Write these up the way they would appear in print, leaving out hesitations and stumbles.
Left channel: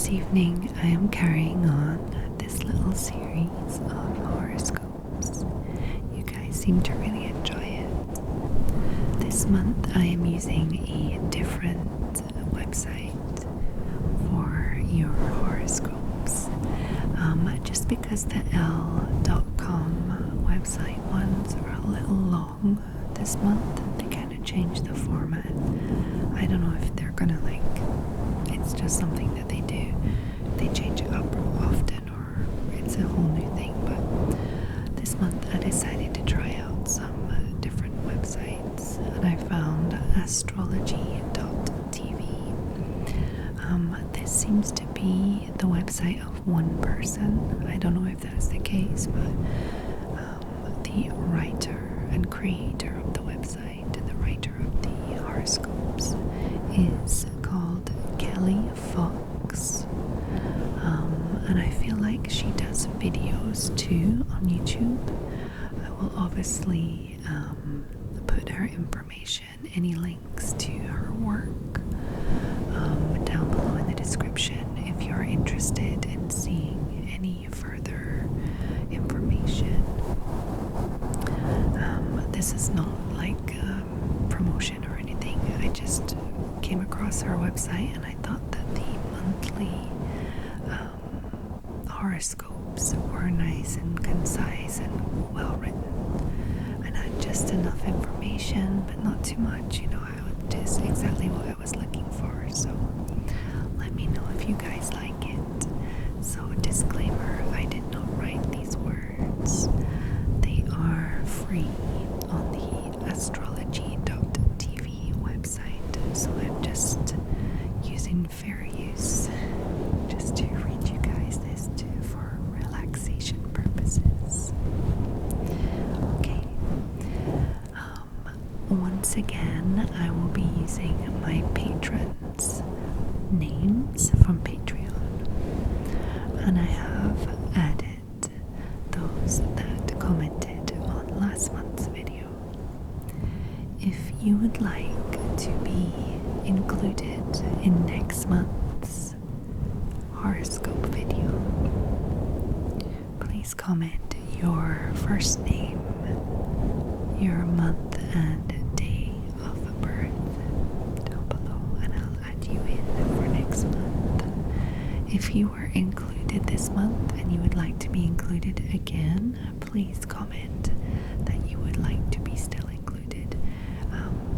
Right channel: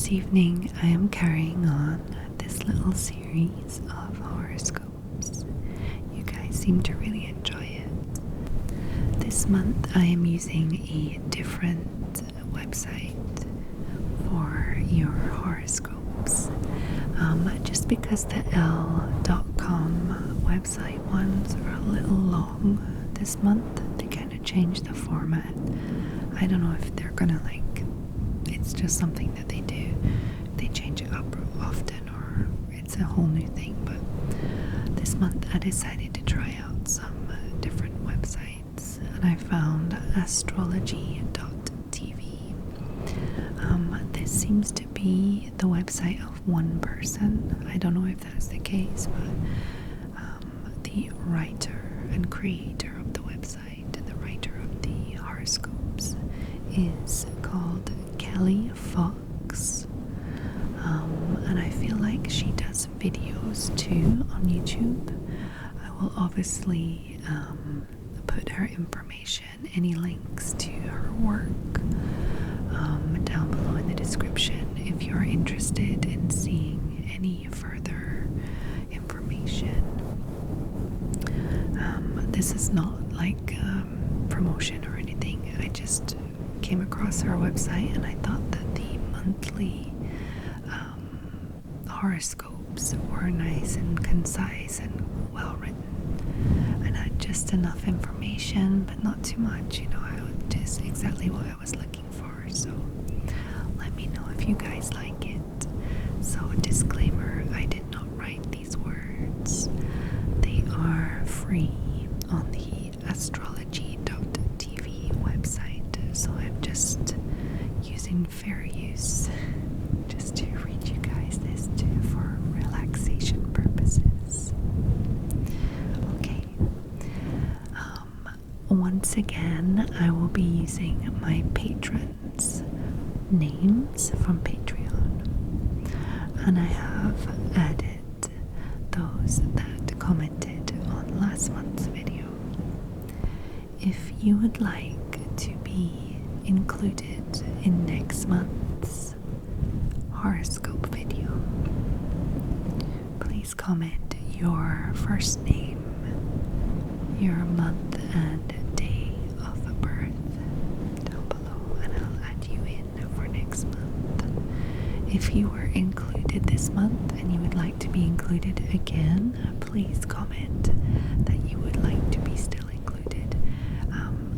this evening I am carrying on this little series of horoscopes. You guys seem to really enjoy it. This month I am using a different website for your horoscopes. Just because the L.com website ones are a little long this month, they kind of changed the format. I don't know if they're gonna it's just something that they do. They change it up often, or it's a whole new thing. But this month I decided to try out some different websites, and I found astrology.tv. This seems to be the website of one person. I don't know if that's the case, but the writer and creator of the website and the writer of the horoscopes is called Kelli Fox, and I feel like she does videos too on YouTube. I will obviously put her information, any links to her work, down below in the description if you're interested in seeing any further information. This is not like promotion or anything. I just came across her website and I thought that the monthly horoscopes were nice and concise and well written and had just enough information, but not too much. Just exactly what I was looking for. So let me know if you guys like it. So disclaimer, I did not write these words. They are free on the astrology.tv website, so I'm just using fair use just to read you guys this too for relaxation purposes. Okay. Once again, I will be using my patrons' names from Patreon, and I have added those that commented on last month's video. If you would like to be included in next month's horoscope video, please comment your first name, your month and day of birth down below, and I'll add you in for next month. If you were included this month and you would like to be included again, please comment that you would like to be still included.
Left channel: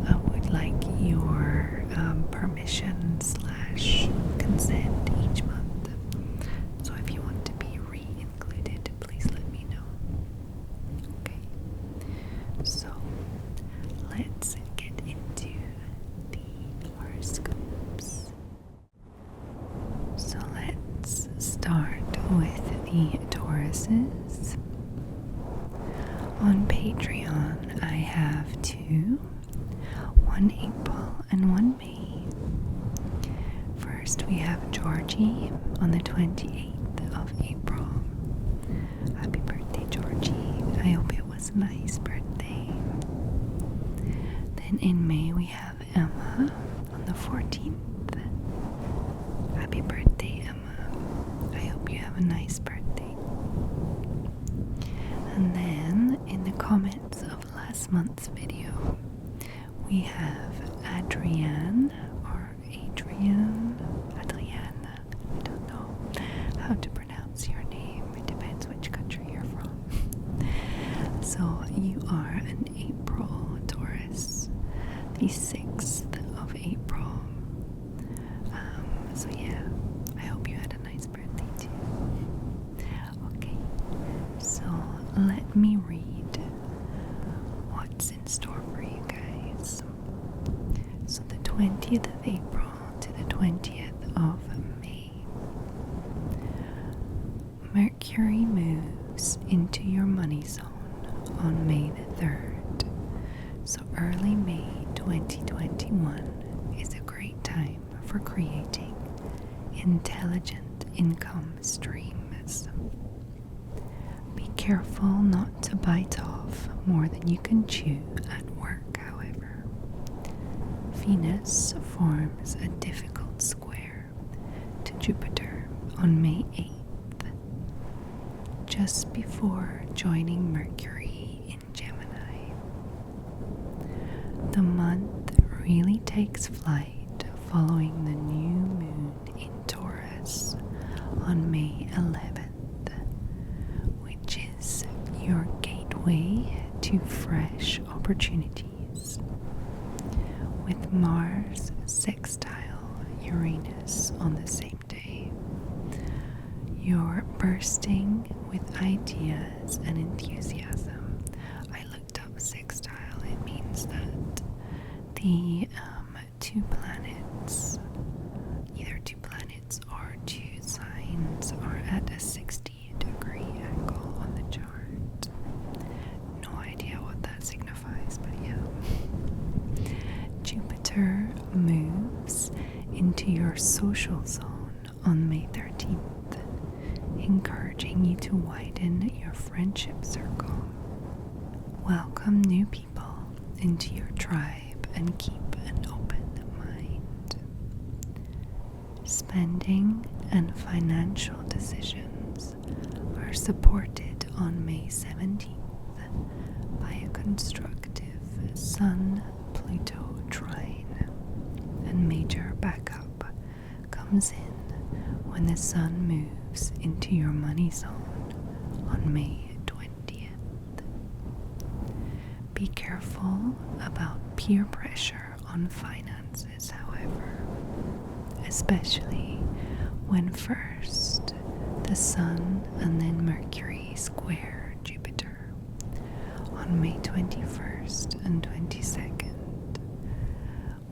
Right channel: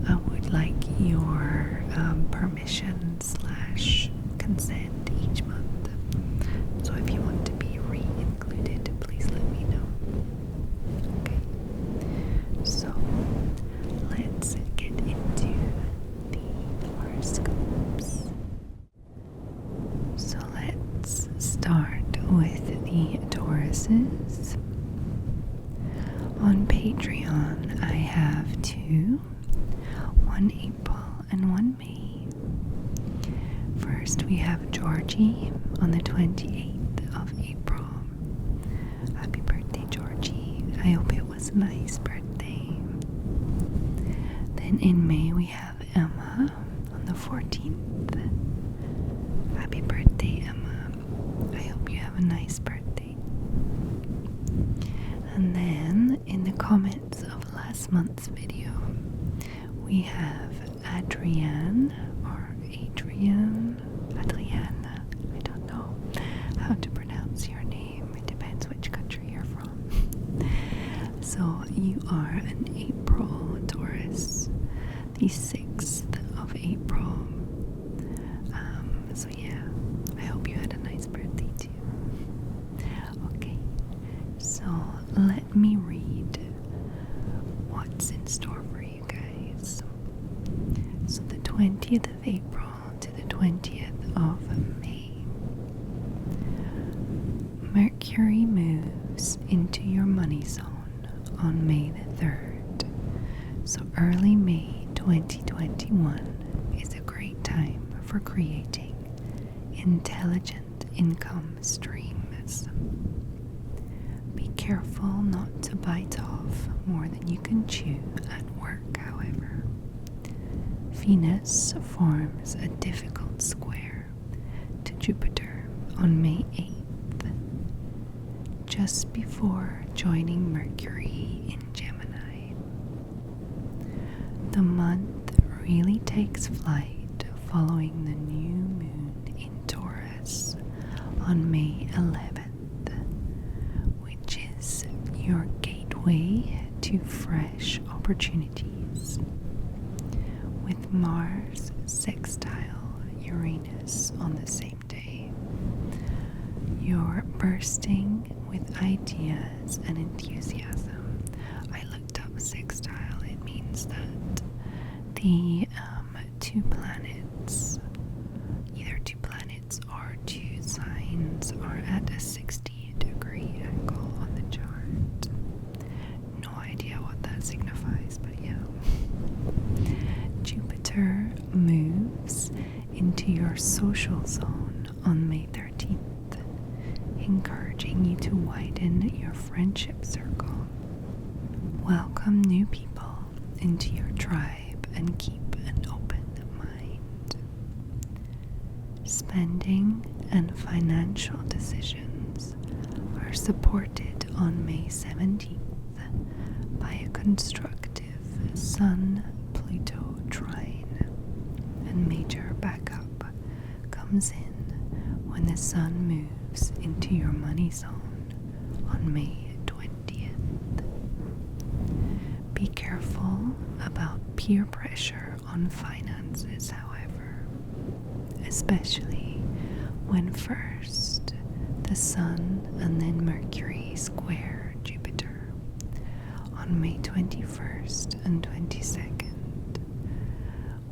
I would like your permission / consent each month. So if you want to be re-included, please let me know. Okay, so let's get into the horoscopes. So let's start with the Tauruses. On Patreon, I have two, one April and one May. First, we have Georgie on the 28th of April. Happy birthday, Georgie. I hope it was a nice birthday. Then in May, we have Emma on the 14th. Happy birthday, Emma. I hope you have a nice birthday. And then in the comments of last month's video, we have Adrienne, I don't know how to pronounce your name. It depends which country you're from. So you are an April Taurus, the 6th of April. So yeah, I hope you had a nice birthday too. Okay, so let me read what's in store for you guys. So the 20th of April to the 20th of May. Mercury moves into your money zone on May the 3rd. So early May 2021 is a great time for creating intelligent income streams. Be careful not to bite off more than you can chew at work, however. Venus forms a difficult square to Jupiter on May 8th, just before joining Mercury in Gemini. The month really takes flight following the new moon in Taurus on May 11th, which is your gateway to fresh opportunities. With Mars sextile Uranus on the same day, you're bursting with ideas and enthusiasm. I looked up sextile. It means that the two planets, either two planets or two signs, are at a 60-degree angle on the chart. No idea what that signifies, but yeah. Jupiter moves into your social zone on May 13th, encouraging you to widen your friendship circle. Welcome new people into your tribe and keep an open mind. Spending and financial decisions are supported on May 17th by a constructive Sun-Pluto trine, and major backup comes in when the Sun moves into your money zone on May 20th. Be careful about peer pressure on finances, however, especially when first the Sun and then Mercury square Jupiter on May 21st and 22nd.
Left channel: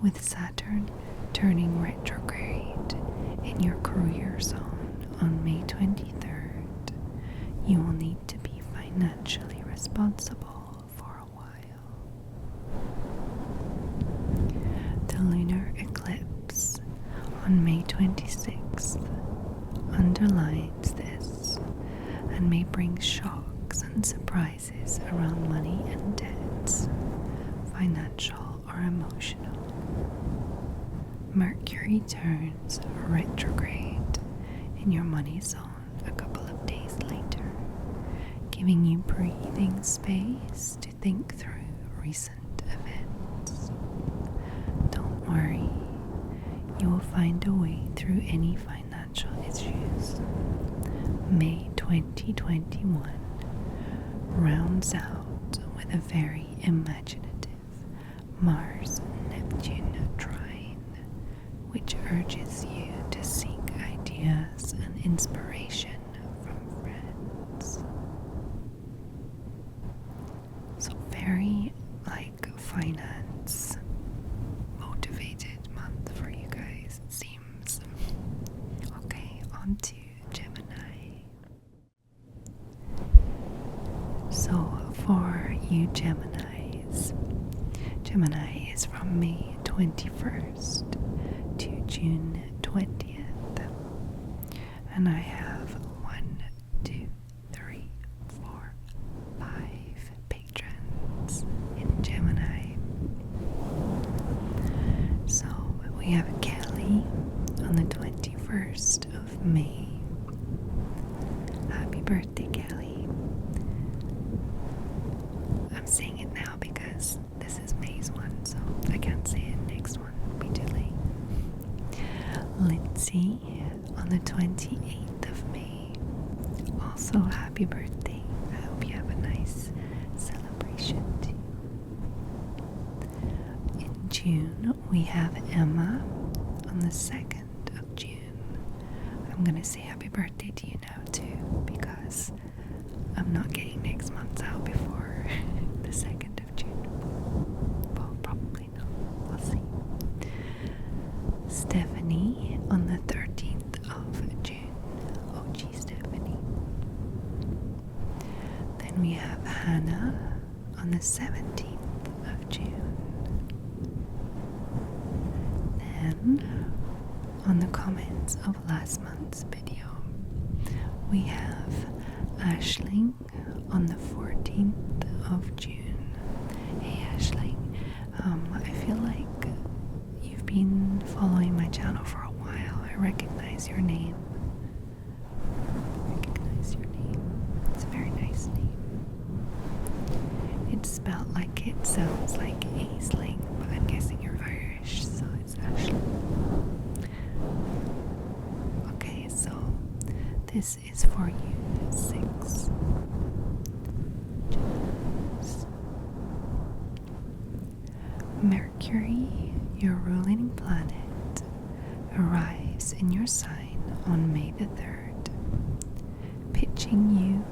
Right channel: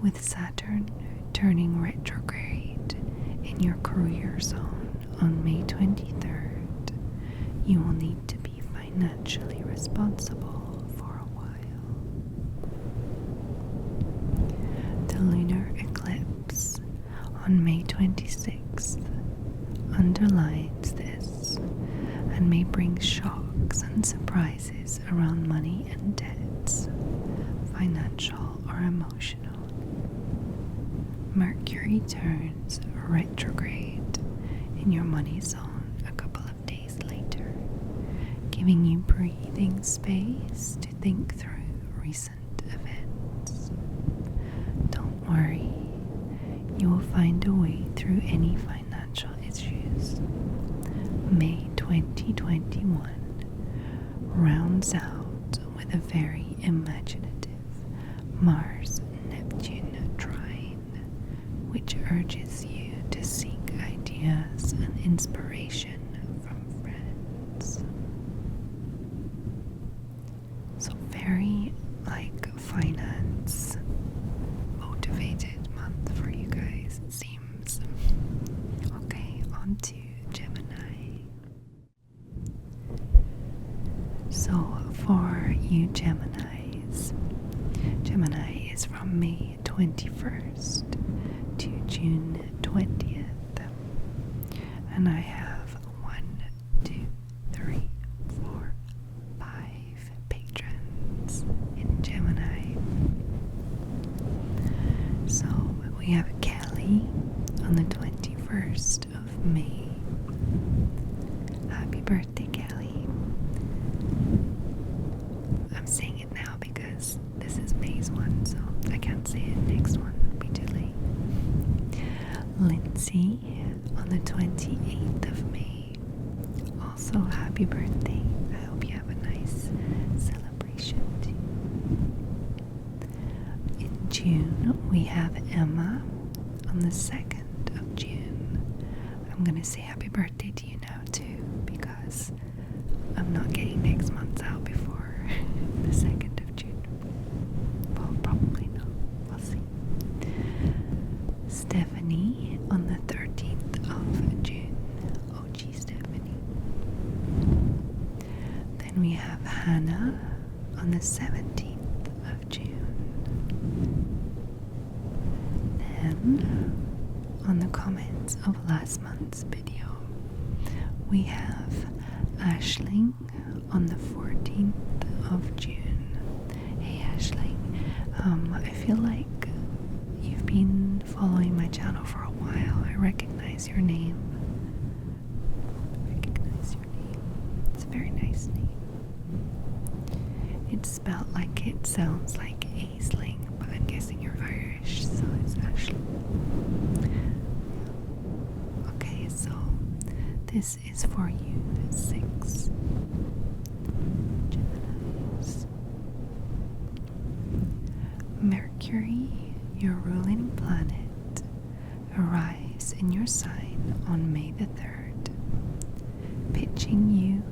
With Saturn turning retrograde in your career zone on May 23rd, you will need to be financially responsible for a while. The lunar eclipse on May 26th underlines this and may bring shocks and surprises around money and debts, financial or emotional. Mercury turns retrograde in your money zone a couple of days later, giving you breathing space to think through recent events. Don't worry, you will find a way through any financial issues. May 2021 rounds out with a very imaginative Mars-Neptune trine, which urges you to seek ideas and inspiration from friends. So very finance motivated month for you guys, it seems. Okay, on to Gemini. So for you Geminis, Gemini is from May 21st to June 20th. And I have 1, 2, 3, 4, 5 patrons in Gemini. So we have Kelli on the 21st of May. Happy birthday, Kelli. I'm saying it now because this is May's one, so I can't say it next one. It'll be too late. Lindsay on the 28th of May. Also, happy birthday. I hope you have a nice celebration too. In June, we have Emma on the 2nd of June. I'm going to say happy birthday to you now too, because I'm not getting next month's out before the 2nd of June. Well, probably not. We'll see. Stephanie on the 13th of June. OG Stephanie. Then we have Hannah on the 17th of June. Then, on the comments of last month's video, we have Aisling on the 14th of June. Hey Aisling, I feel like you've been following my channel for a while. I recognize your name. very nice name. It's spelled like it sounds like Aisling, but I'm guessing you're Irish, so it's Ashley. Okay, so this is for you, 6. Jess. Mercury, your ruling planet, arrives in your sign on May the 3rd, pitching you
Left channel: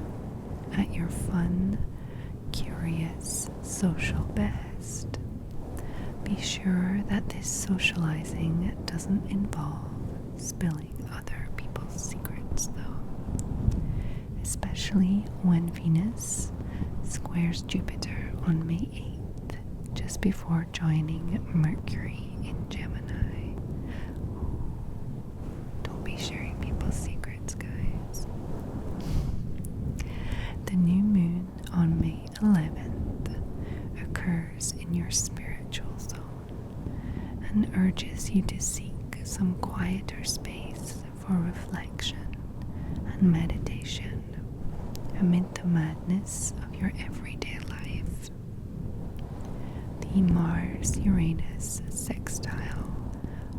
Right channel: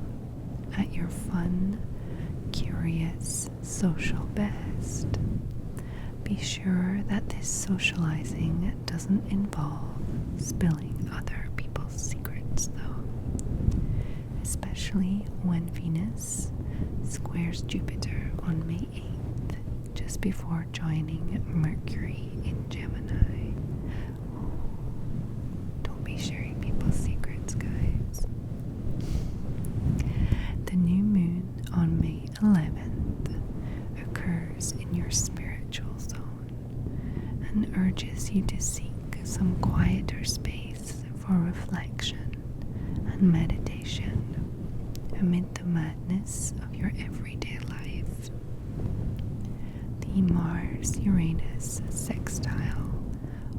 at your fun, curious, social best. Be sure that this socializing doesn't involve spilling other people's secrets, though, especially when Venus squares Jupiter on May 8th, just before joining Mercury in Gemini. Ooh, don't be sharing people's secrets, guys. The new moon on May 11th occurs in your spiritual zone and urges you to seek some quieter space for reflection and meditation amid the madness of your everyday life. The Mars-Uranus sextile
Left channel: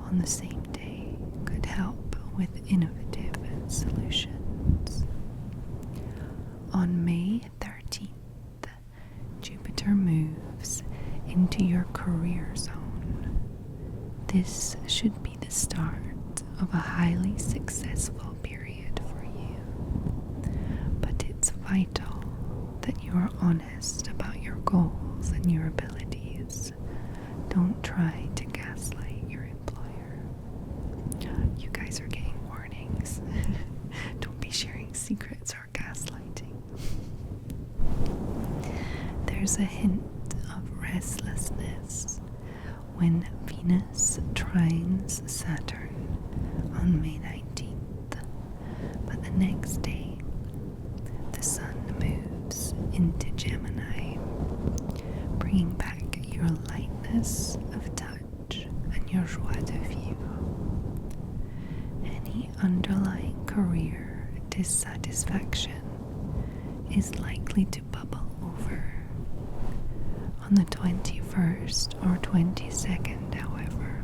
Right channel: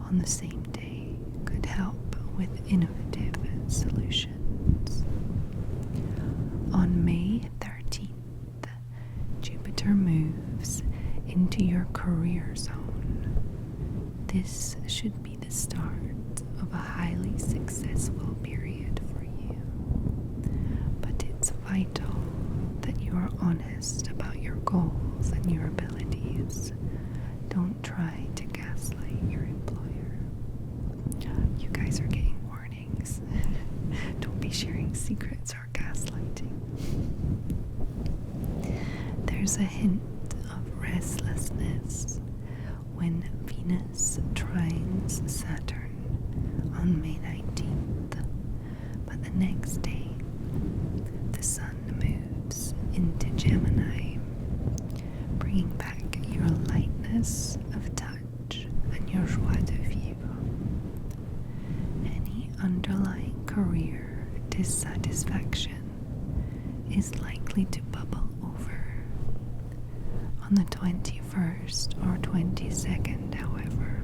on the same day could help with innovative solutions. On May 13th, Jupiter moves into your career zone. This should be the start of a highly successful period for you. But it's vital that you are honest about your goals and your abilities. Don't try to gaslight your employer. You guys are getting warnings. Don't be sharing secrets or gaslighting. There's a hint of restlessness when Venus trines Saturn on May 19th, but the next day the Sun moves into Gemini, bringing back your lightness of touch and your joie de vivre. Any underlying career dissatisfaction is likely to bubble over. On the 21st or 22nd, however,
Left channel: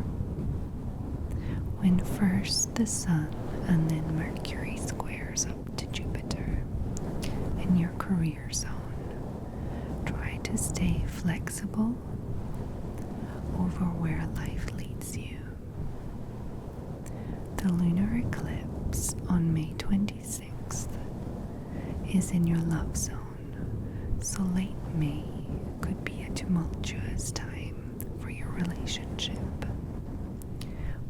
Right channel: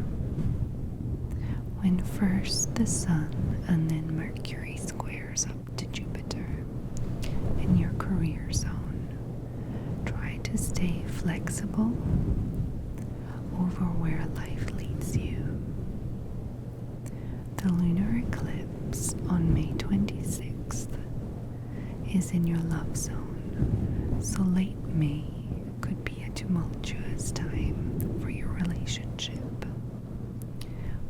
when first the Sun and then Mercury squares up to Jupiter in your career zone, try to stay flexible over where life leads you. The lunar eclipse on May 26th is in your love zone, so late May could be a tumultuous time for your relationship.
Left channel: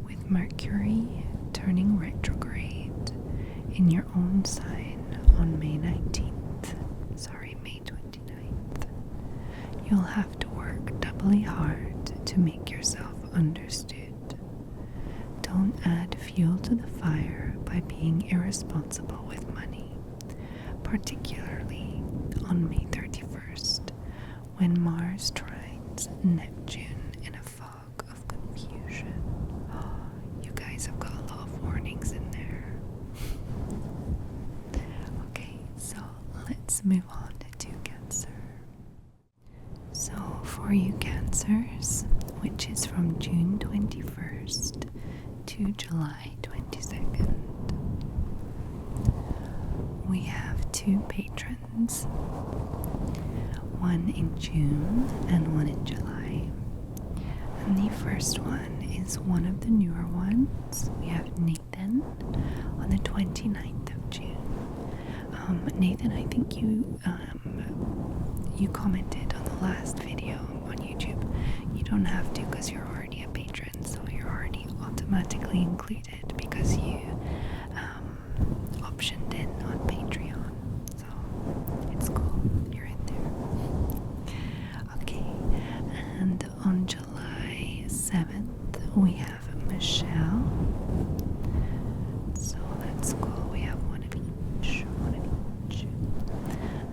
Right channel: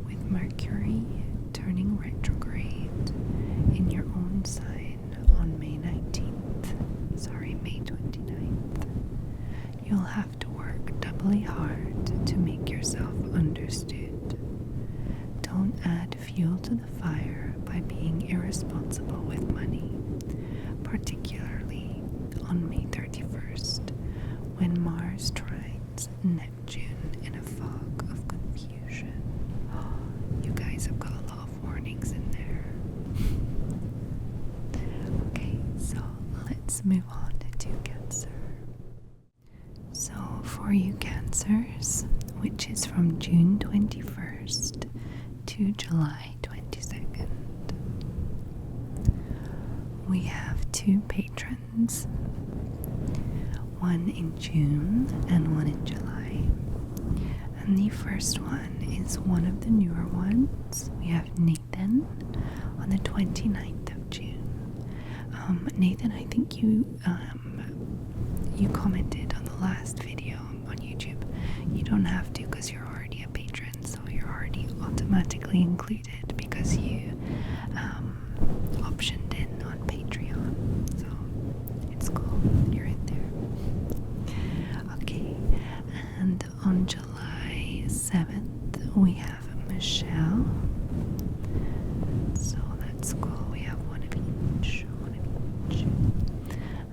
With Mercury turning retrograde in your own sign on May 29th, you'll have to work doubly hard to make yourself understood. Don't add fuel to the fire by being irresponsible with money, particularly on May 31st, when Mars trines Neptune in a fog of confusion. You guys have got a lot of warnings in there. Okay, so let's move on to Cancer. So for you Cancers, which is from June 21st to July 22nd, we have 2 patrons, one in June and one in July. And the first one is one of the newer ones. We have Nathan on the 29th of June. Nathan, I think you commented on the last video on YouTube. You don't have to because you're already a patron, so you're already automatically included because you optioned in on Patreon. So it's cool, you're in there. Okay, and on July 7th we have Michelle. So that's cool, we have one of each.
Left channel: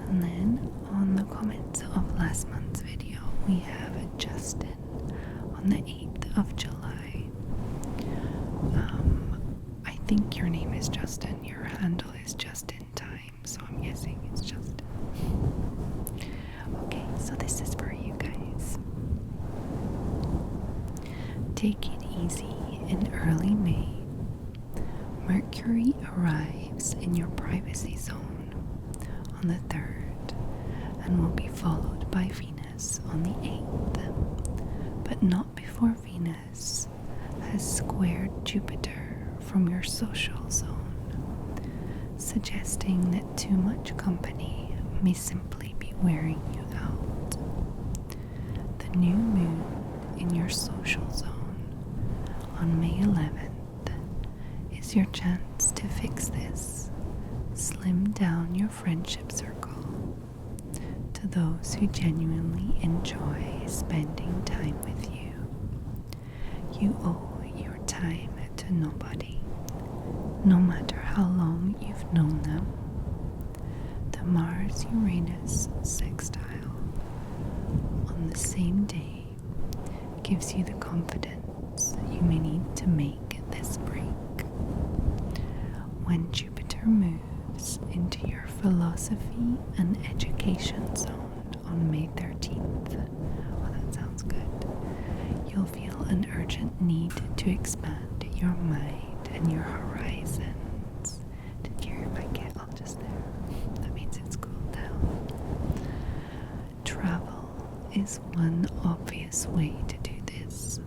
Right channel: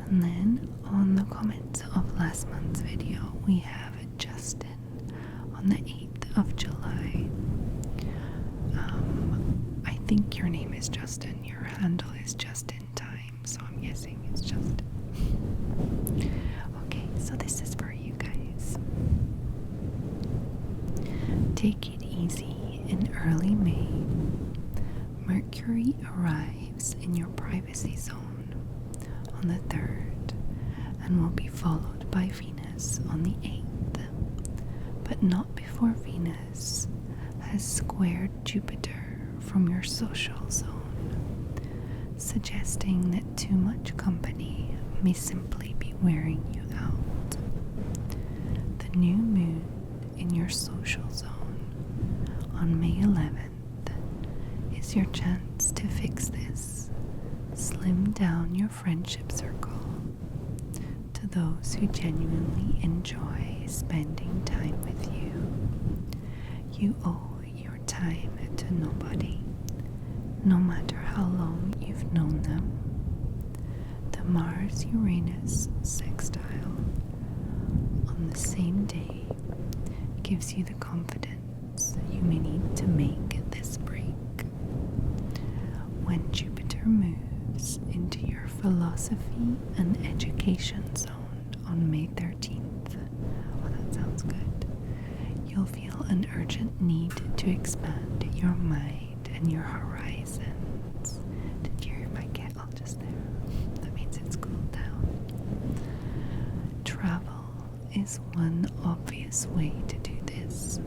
And then on the comments of last month's video we have Justin on the 8th of July. I think your name is Justin, your handle is Just in Time, so I'm guessing it's just. Okay, so this is for you guys. Take it easy in early May. Mercury arrives in your privacy zone on the 3rd and will be followed by Venus on the 8th, but not before Venus has squared Jupiter from your social zone, suggesting that too much company may simply be wearing you out. The new moon in your social zone on May 11th is your chance to fix this. Slim down your friendship circle to those who genuinely enjoy spending time with you. You owe your time to nobody, no matter how long you've known them. The Mars-Uranus sextile on the same day gives you the confidence you may need to make this break. When Jupiter moves into your philosophy and education zone on May 13th, oh, that sounds good, you'll feel an urgent need to expand your mind and your horizons. Did you hear my kettle just there? That means it's cooled down. Travel is one obvious way to do this.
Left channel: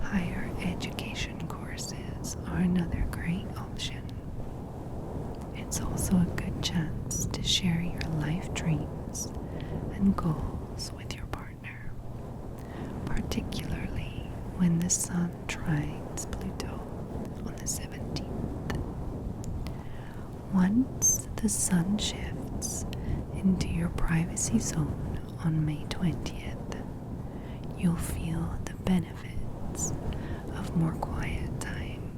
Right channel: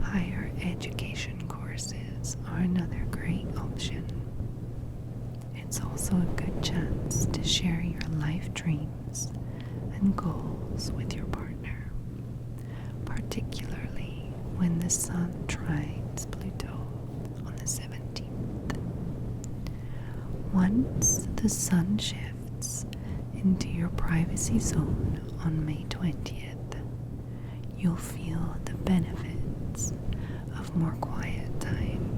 Higher education courses are another great option. It's also a good chance to share your life dreams and goals with your partner, particularly when the Sun trines Pluto on the 17th. Once the Sun shifts into your privacy zone on May 20th, you'll feel the benefits of more quiet time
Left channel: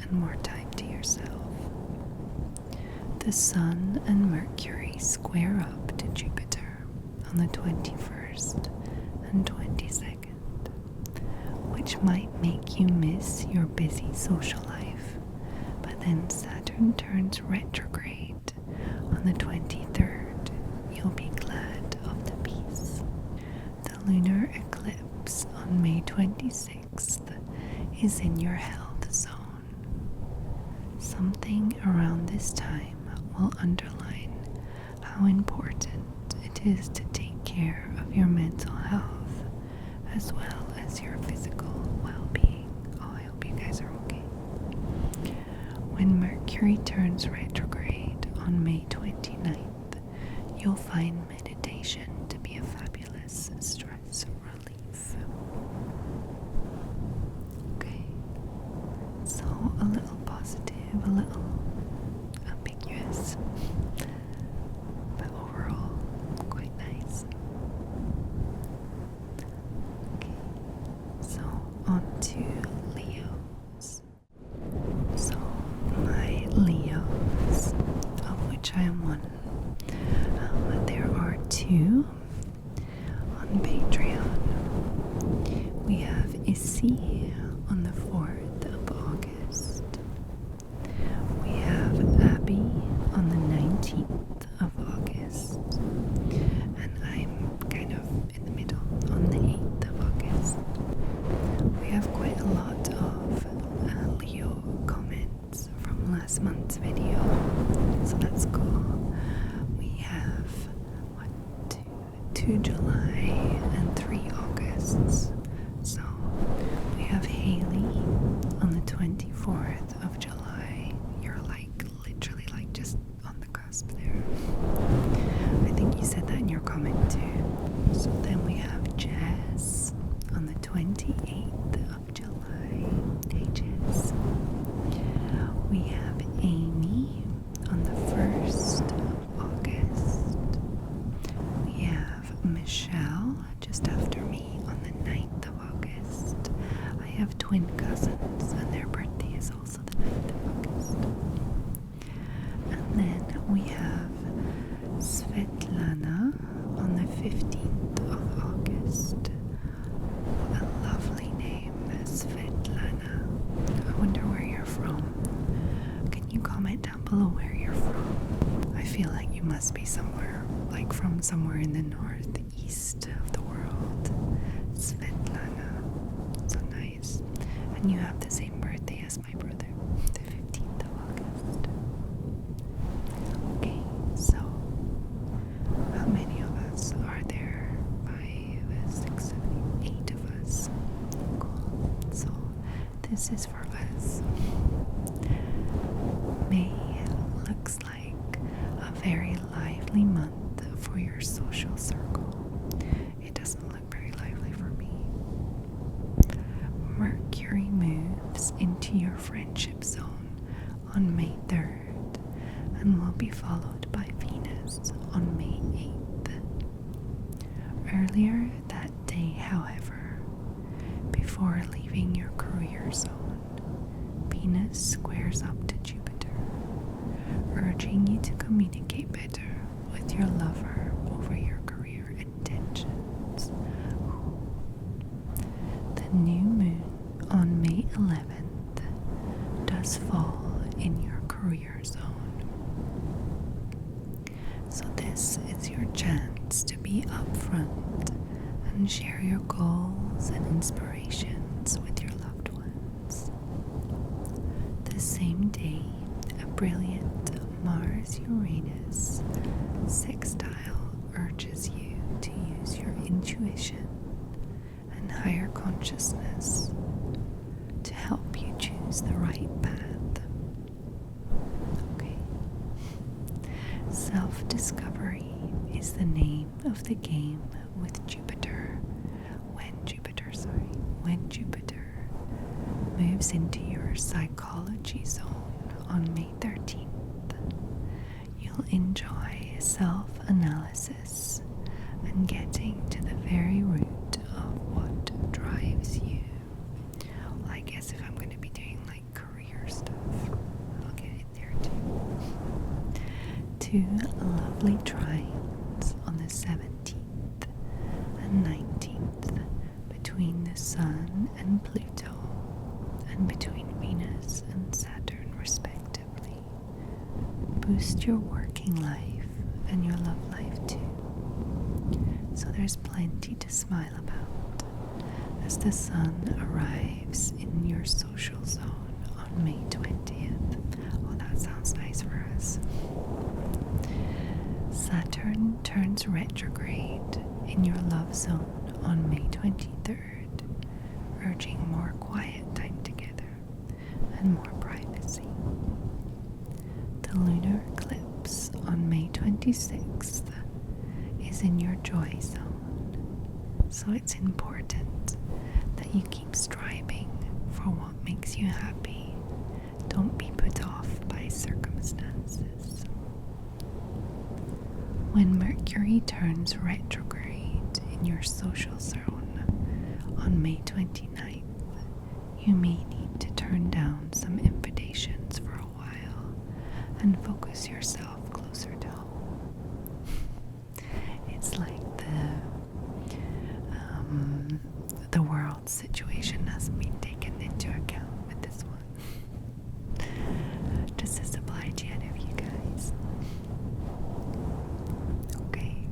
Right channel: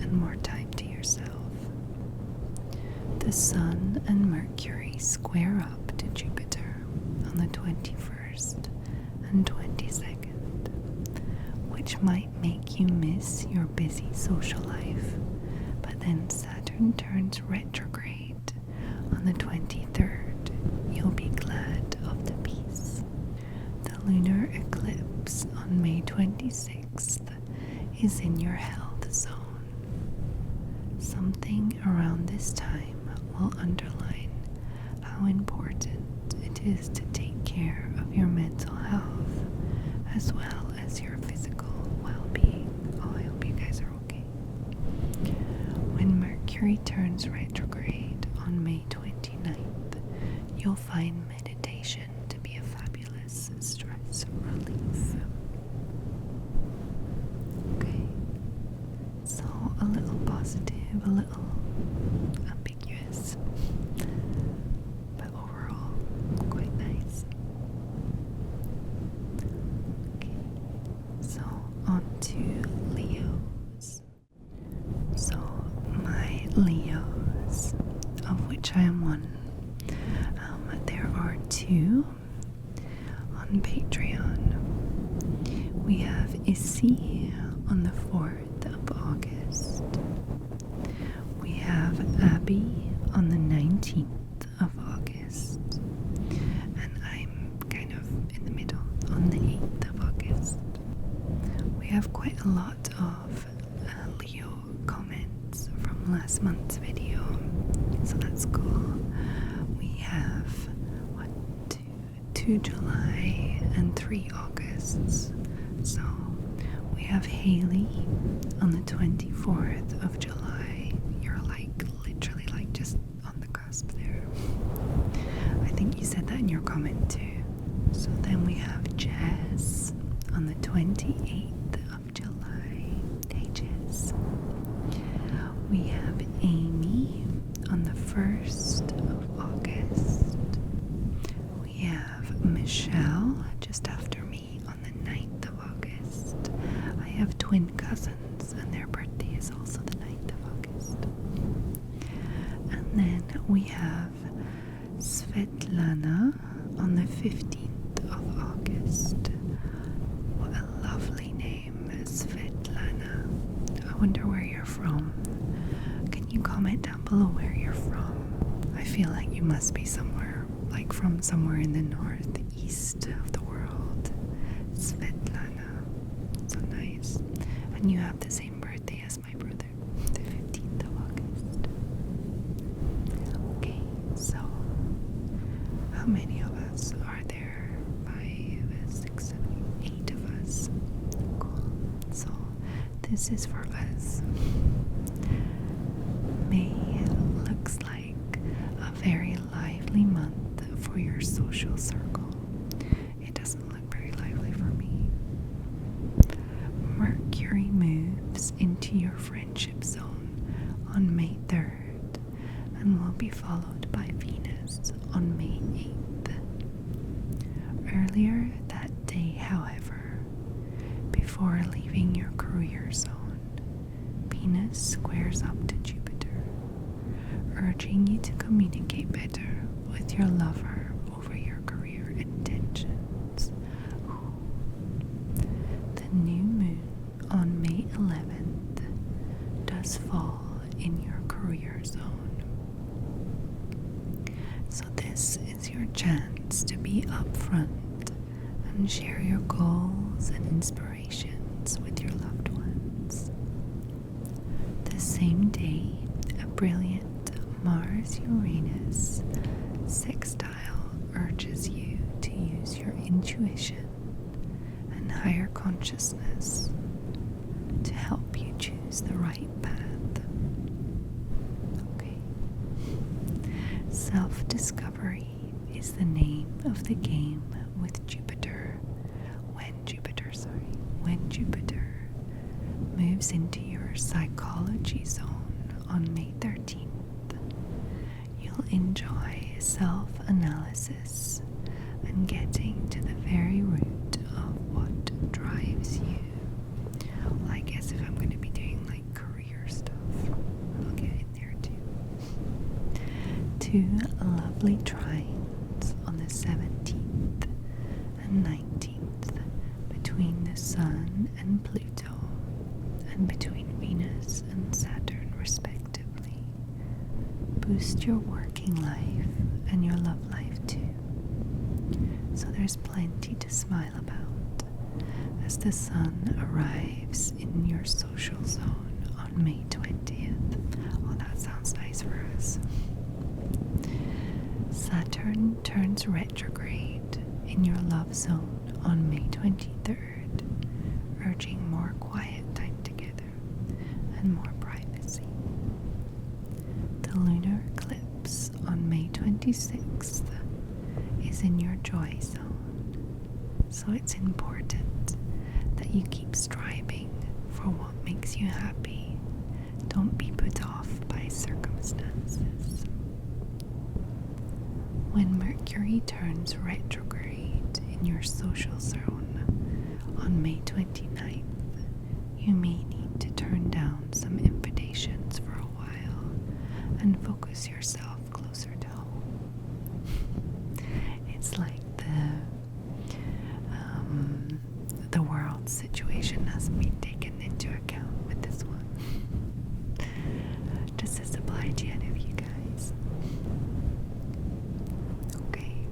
and more time to yourself. The Sun and Mercury square up to Jupiter on the 21st and 22nd, which might make you miss your busy social life, but then Saturn turns retrograde on the 23rd. You'll be glad of the peace. The lunar eclipse on May 26th is in your health zone. Something around this time will underline how important it is to take care of your mental health as well as your physical well-being. Oh, I hope you guys are okay. When Mercury turns retrograde on May 29th, you'll find meditation to be a fabulous stress relief. Okay, so a little positive, a little ambiguous, but overall quite nice. Okay, so on to Leos. So my Leos, of which I am one, there are two on Patreon. We have Issy on the 4th of August. We have Abbey on the 19th of August. And I'm kind of in the middle on the 8th of August. We have quite a lot of Leo comments from last month's video, so that's cool. We have 2 July and 3 Augusts. So we have Hayley on the 24th of July. You're like literally like just on the cusp there. I think you said that in your comment too. So then we have Jess on the 28th of July. Hey Jess. We have Amy on the 1st of August. We have Michelle just after me on the 9th of August. I have twin cousins and their birthday is also the 9th of August. And then we have Svetlana on the 15th of August. What a lovely name, Svetlana. I wonder where you're from. Can you comment down below where you're from? I feel like you must be somewhere, like from somewhere in the northeast of the world. Svetlana. So nice. And you have the same birthday as my brother, the 15th of August. Okay, so how many of us are there? 5, 6, 7, 8 of us. Cool. So this is for us. May looks like a very lively month for your social circle. It doesn't look very lively for me. Mercury moves into your friendship zone on May 3rd and will be followed by Venus on May 8th. Earlier that day, however, before leaving your career zone, Venus squares up to Jupiter, urging you to communicate better with your lover over your career intentions. The new moon on May 11th does fall in your career zone. So this is your chance to be upfront and share your goals and inspirations with your loved ones. The same day, a brilliant Mars-Uranus sextile urges you to use your intuition and higher consciousness to help you choose the right path. Okay. Self-discovery is the name of the game with Jupiter. When Jupiter moves into your psychology zone on May 13th, you'll enjoy self-analysis and getting to the very root of what drives you. Well, I guess if I'm going to be doing like career stuff, I'll get in there too. 2 lovely trines on the 17th and 19th between the Sun and Pluto, and between Venus and Saturn respectively, boost your working life and your love life too. So there's plenty to smile about as the Sun arrives in your social zone on May 20th. Oh, that sounds nice for us. Saturn turns retrograde in your love zone on May 23rd, urging more quiet time together and more privacy. The lunar eclipse on May 26th is in your joy zone, so it's important that you keep striving for what makes you happy. Don't be put off by circumstances. When Mercury turns retrograde in your social zone on May 29th, you may need to turn down some invitations for a while and focus yourself closer to home. It's like the world situation has been taken into account with this one. Just as supply chain of you guys. Okay,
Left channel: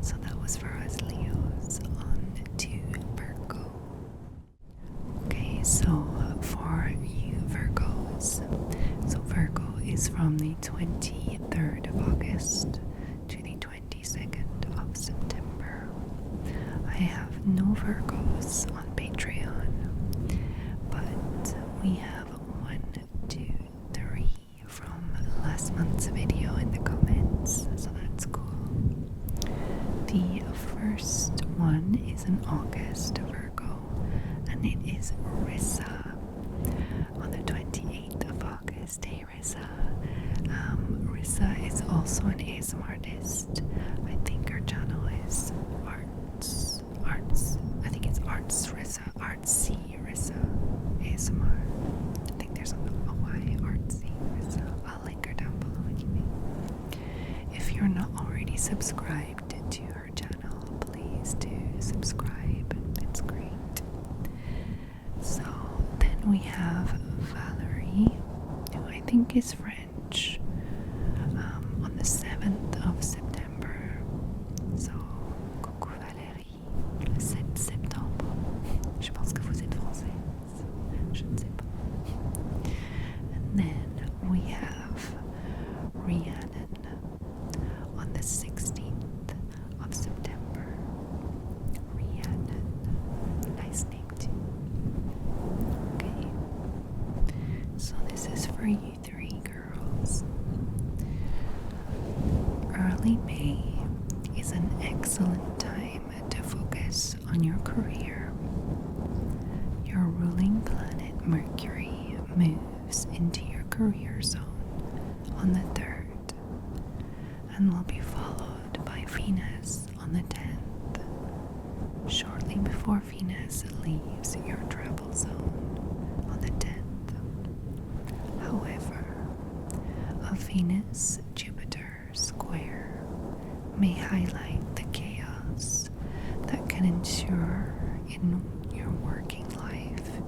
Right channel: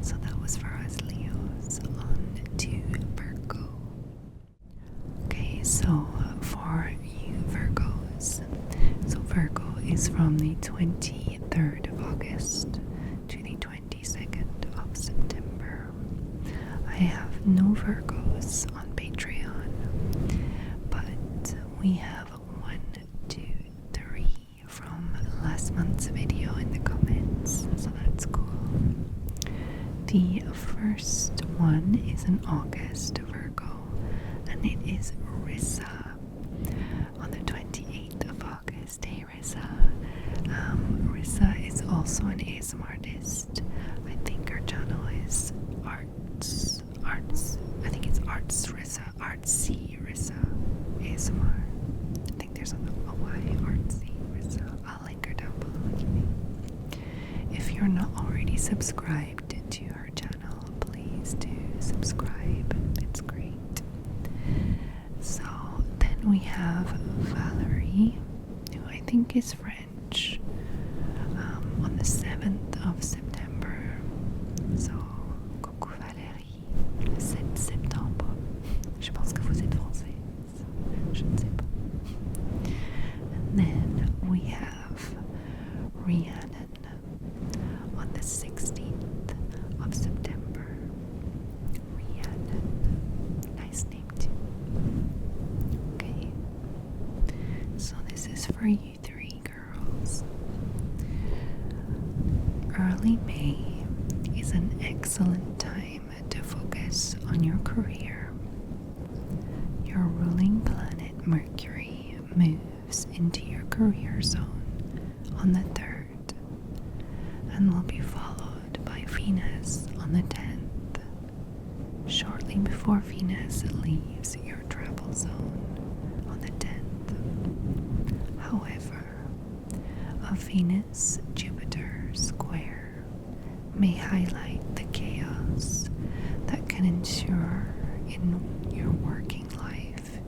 so that was for us Leos. On to Virgo. Okay, so for you Virgos, so Virgo is from the 23rd of August to the 22nd of September. I have no Virgos on Patreon, but we have 1, 2, 3 from last month's video in the comments, so that's cool. The first one is an August Virgo, and it is Rissa on the 28th of August. Hey Rissa. Rissa is also an ASMR artist. I think her channel is Arts. I think it's Arts Rissa, Artsy Rissa ASMR. I think there's a Y, Artsy Rissa. I'll link her down below anyway. If you're not already subscribed to her channel, please do subscribe. It's great. So then we have Valerie, who I think is French, on the 7th of September. So, coucou Valérie, le 7 septembre. Je pense que vous êtes française. Je ne sais pas. And then we have Rhiannon on the 16th of September. Rhiannon. Nice name too. Okay. So this is for you three girls. Early May is an excellent time to focus on your career. Your ruling planet Mercury moves into your career zone on the 3rd and will be followed by Venus on the 10th, shortly before Venus leaves your travel zone on the 10th. However, a Venus-Jupiter square may highlight the chaos that can ensure in your working life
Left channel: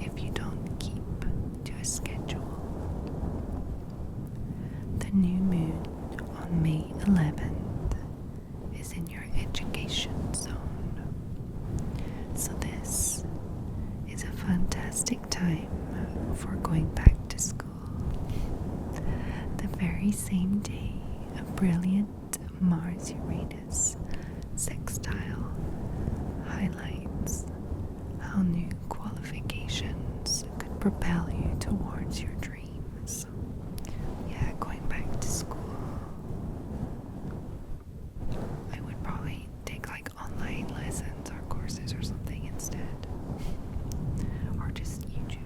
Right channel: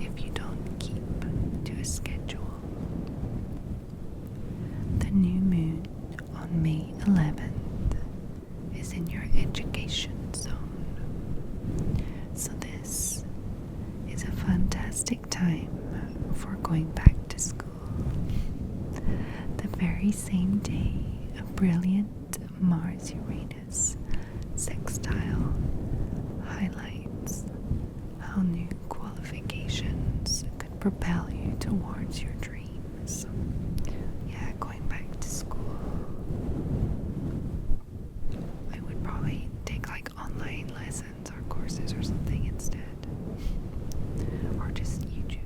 if you don't keep to a schedule. The new moon on May 11th is in your education zone. So this is a fantastic time for going back to school. The very same day, a brilliant Mars-Uranus sextile highlights how new qualifications could propel you towards your dreams. Yeah, going back to school. I would probably take like online lessons or courses or something instead. Or just YouTube.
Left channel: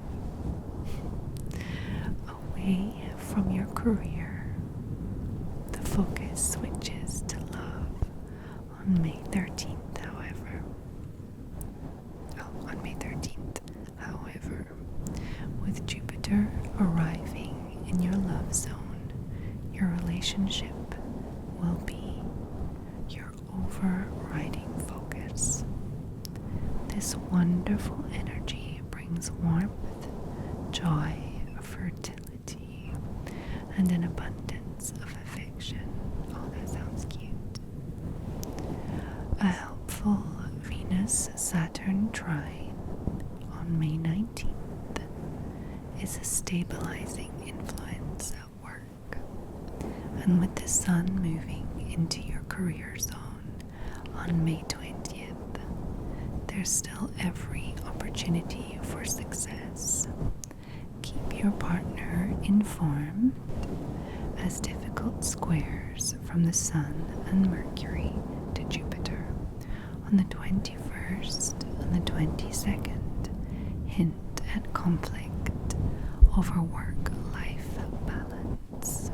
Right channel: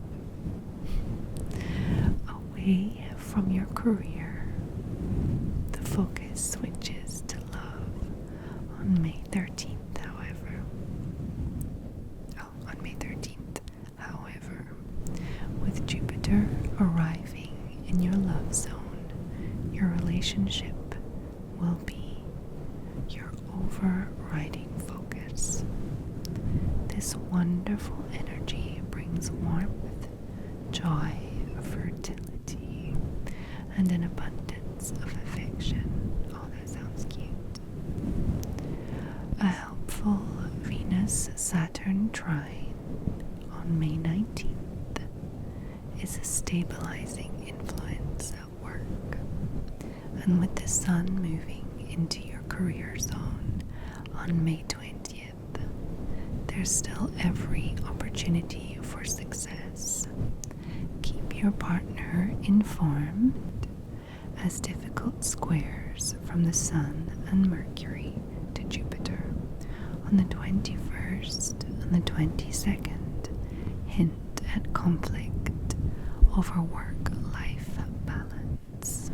Away from your career, the focus switches to love on May 13th, however. On May 13th, however, with Jupiter arriving in your love zone, your relationship will be your overriding focus. This wonderful energy brings warmth, joy, fertility, and an abundance of affection. Oh, that sounds cute. A helpful Venus-Saturn trine on May 19th is a stabilizing influence at work. And with the sun moving into your career zone on May 20th, there's still every opportunity for success. Keep your partner informed, as difficult squares from the Sun and Mercury to Jupiter on the 21st and the 22nd hint at conflict over work-life balance.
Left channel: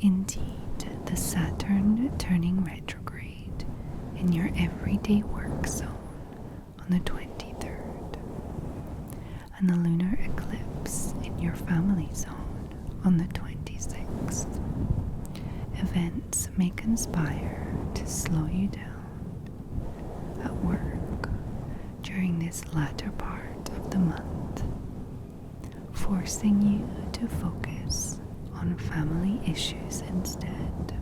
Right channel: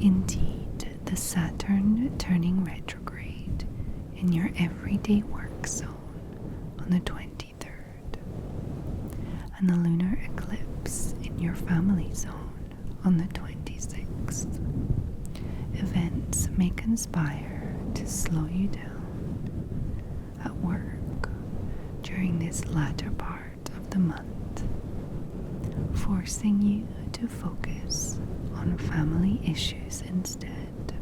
Indeed, the Saturn turning retrograde in your everyday work zone on the 23rd, and the lunar eclipse in your family zone on the 26th. Events may conspire to slow you down at work during this latter part of the month, forcing you to focus on family issues instead.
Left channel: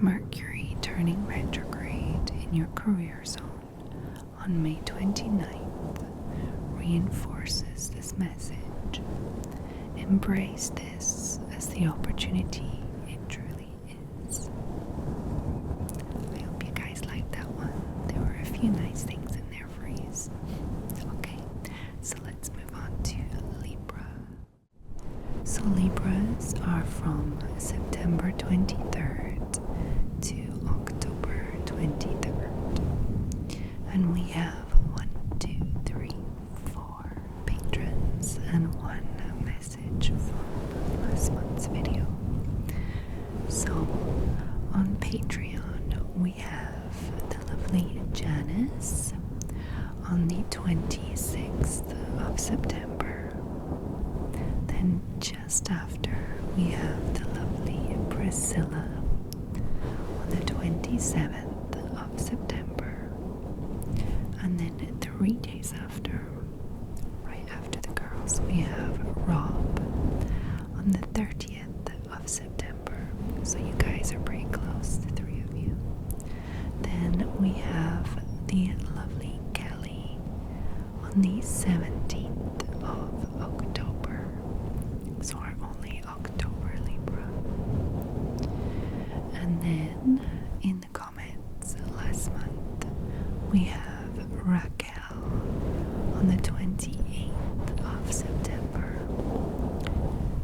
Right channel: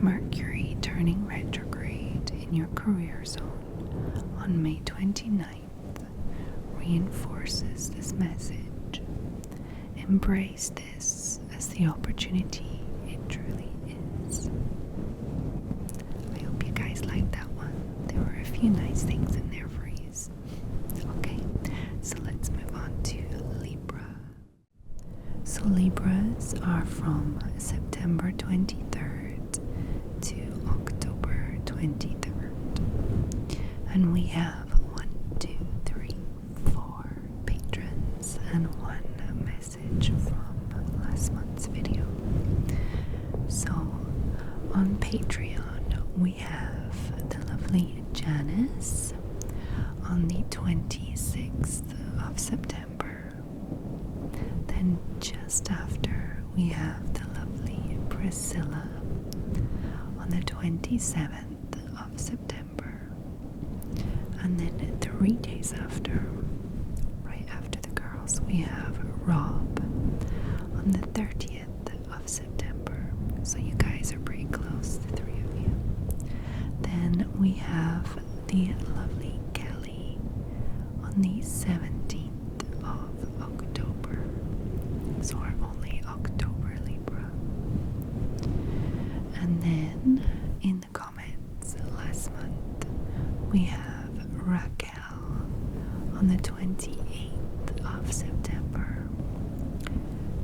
Mercury turning retrograde in your career zone on May 29th reinforces this message. Embrace this as the opportunity it truly is. I hope you guys liked that one. There were a few nice things in there for you. Okay, so let's move on to Libra. So Libras are from September 23rd to October 23rd. And we have 1, 2, 3, 4 patrons and 1 message from last month's video. So on Patreon we have the lovely Janis on the 26th of September. Then just after we have the lovely Priscilla on the 27th of September. And then 3 days after, right after the girls, we have Rob on the 30th of September. And then in the comments last month, we have Rakel on the 28th of September.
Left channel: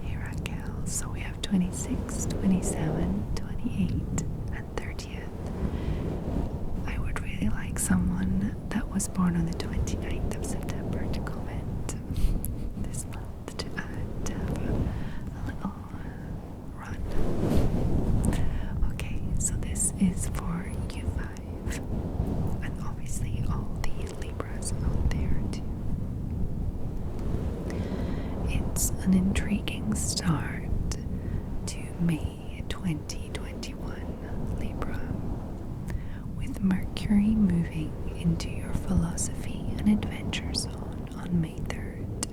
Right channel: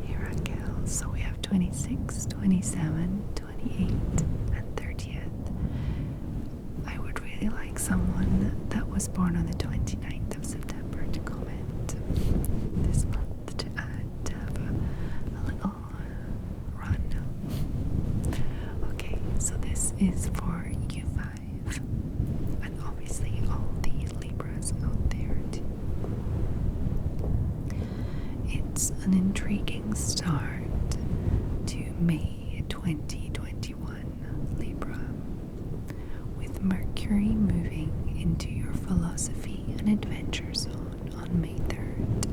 Hey Rakel, so we have 26, 27, 28, and 30th. I would really like someone that was born on the 29th of September to comment this month to have a little run. Okay, so this is for you five, and obviously all the Libras out there too. It's an intriguing start to May 2021, Libra, with Mercury moving into your philosophy and adventure zone on May 3rd.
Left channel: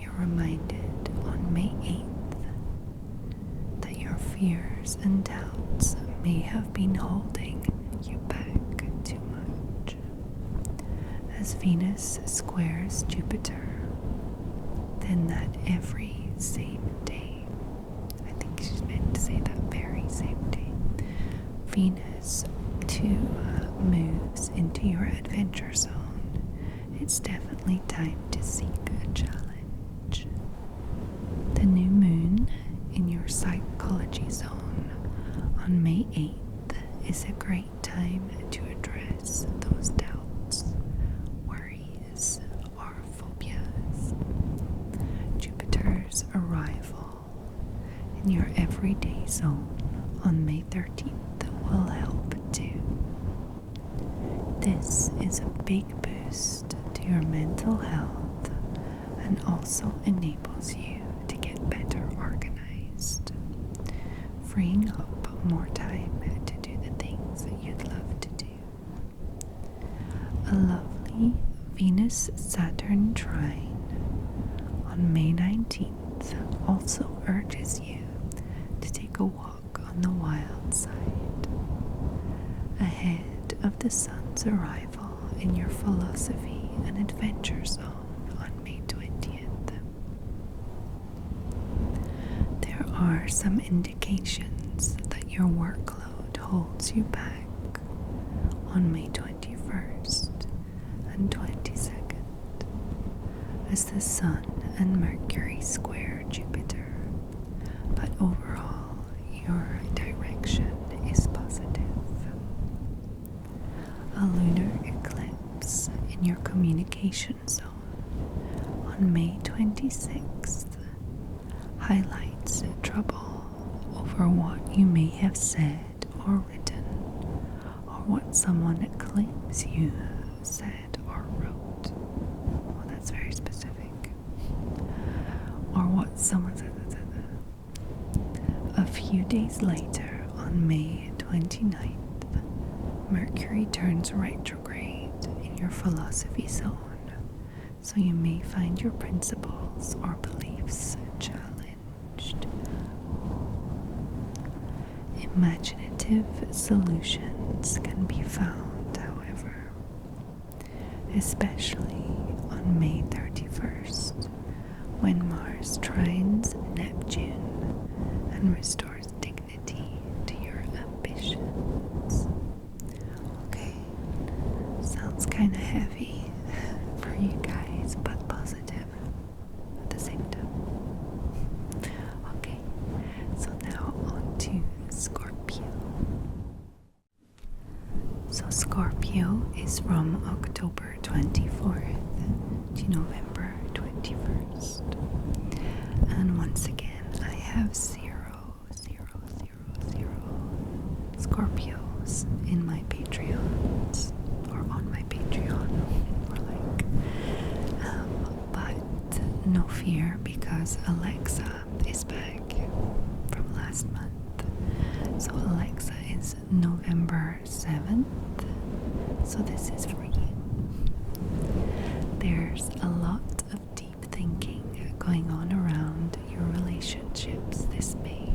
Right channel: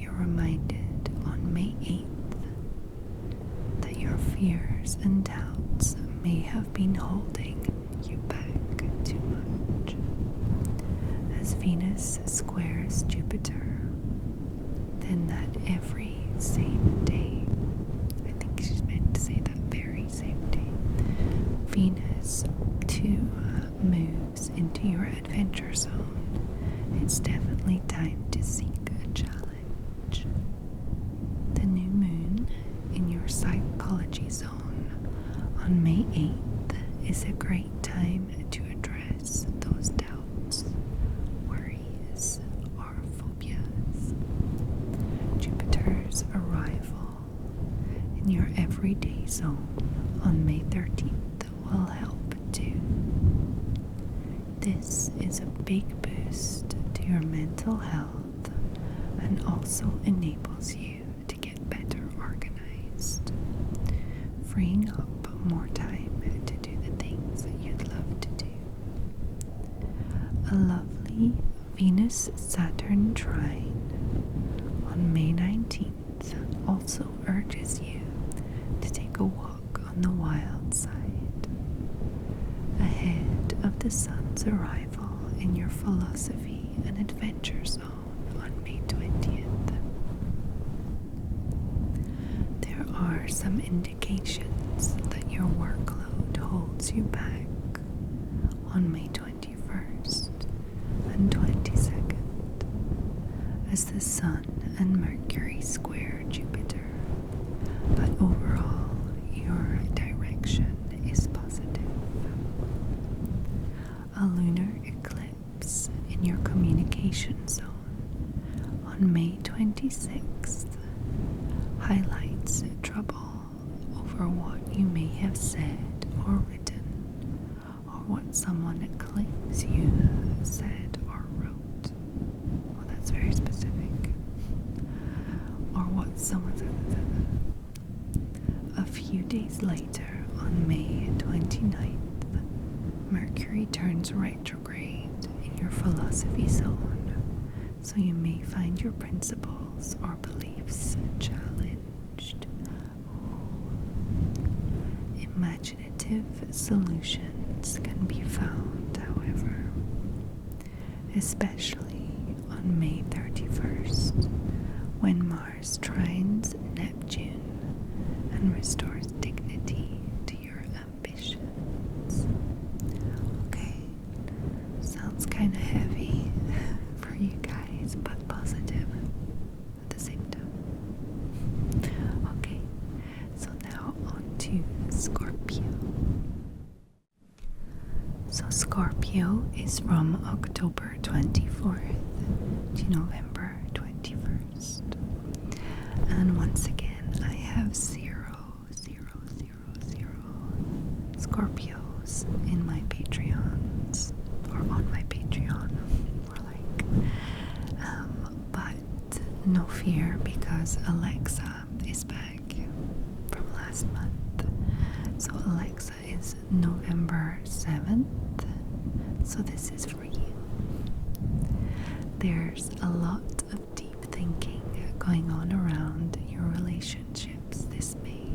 You're reminded on May 8th that your fears and doubts may have been holding you back too much. As Venus squares Jupiter, then that every same day, I think she's meant to say that very same day, Venus too moves into your adventure zone. It's definitely time to seek a challenge. The new moon in your psychology zone on May 8th is a great time to address those doubts, worries, or phobias. Jupiter's arrival in your everyday zone on May 13th will help too. This is a big boost to your mental health and also enables you to get better organized, freeing up more time to do the things that you'd love to do. A lovely Venus-Saturn trine on May 19th also urges you to take a walk on the wild side, ahead of the sun's arrival in your philosophy and adventure zone on May 20th. There are some indications that your workload holds you back on May 21st and 22nd as the sun and Mercury square Jupiter, but overall your direction is positive. A lunar eclipse in your communication zone on May 26th highlights trouble over what you may have said or written, or what someone claims you said or wrote. Well, that's very specific. Or what someone said. A few days later, on May 29th, Mercury turns retrograde in your philosophy zone, so you may find your principles or beliefs challenged. Imaginative solutions can be found, however, especially on May 31st, when Mars trines Neptune and restores dignity to your ambitions. Okay, sounds kind of heavy for you guys, but positive at the same time. Okay, so now on to Scorpio. So Scorpio is from October 24th to November 21st. And once again, I have 0, 0, 0, 0 Scorpios in my Patreons, or on my Patreon, more like. But no fear, because Alexa is back from last month. So Alexa is November 7th, so this is for you. There's a lot of deep thinking going on around your relationships this May.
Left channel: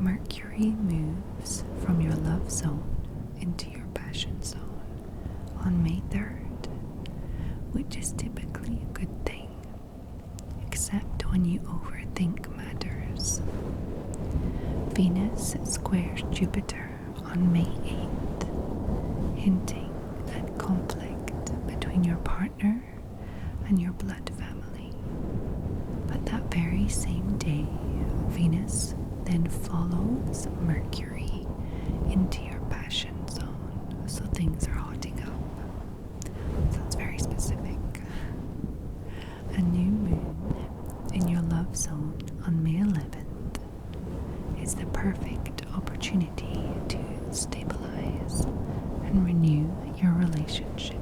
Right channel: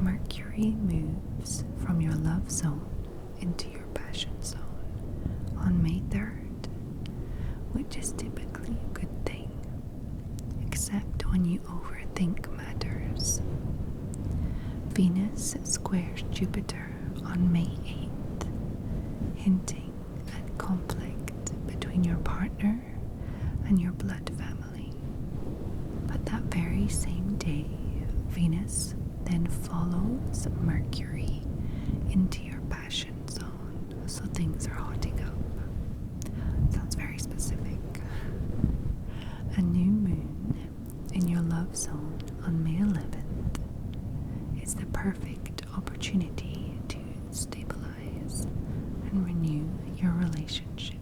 Mercury moves from your love zone into your passion zone on May 3rd, which is typically a good thing, except when you overthink matters. Venus squares Jupiter on May 8th, hinting at conflict between your partner and your blood family. But that very same day, Venus then follows Mercury into your passion zone, so things are hotting up. Sounds very specific. A new moon in your love zone on May 11th is the perfect opportunity to stabilize and renew your relationship.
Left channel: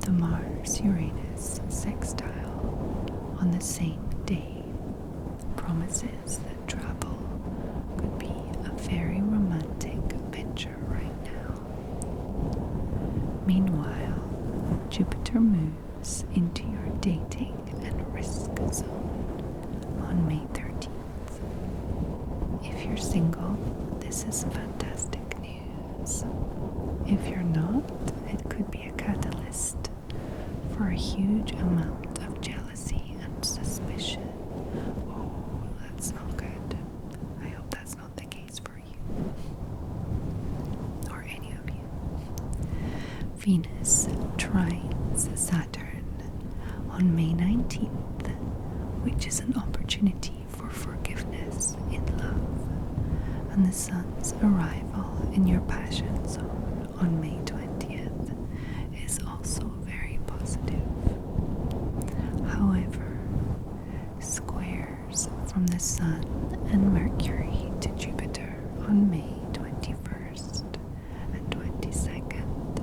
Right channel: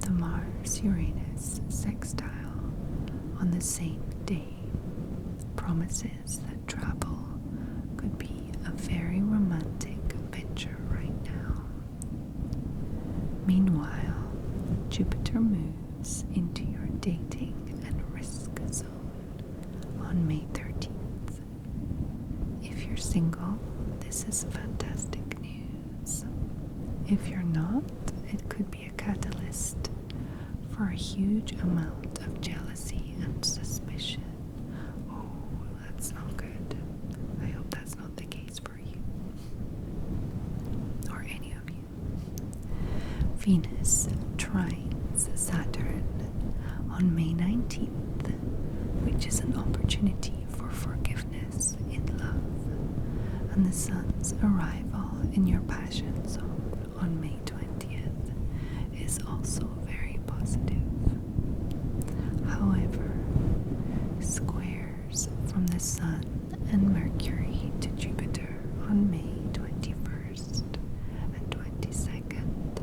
The Mars-Uranus sextile on the same day promises that travel could be a very romantic venture right now. Meanwhile, Jupiter moves into your dating and risk zone on May 13th. If you're single, this is fantastic news. If you're not, it could be a catalyst for a huge amount of jealousy and suspicion. Oh, that's not good. I hope that's not the case for you. Or any of you. Venus trines Saturn on May 19th, which is an opportunity for forgiveness in love. And the Sun's arrival in your passion zone on May 20th is also very positive. However, squares from the Sun and Mercury to Jupiter on May 21st and 22nd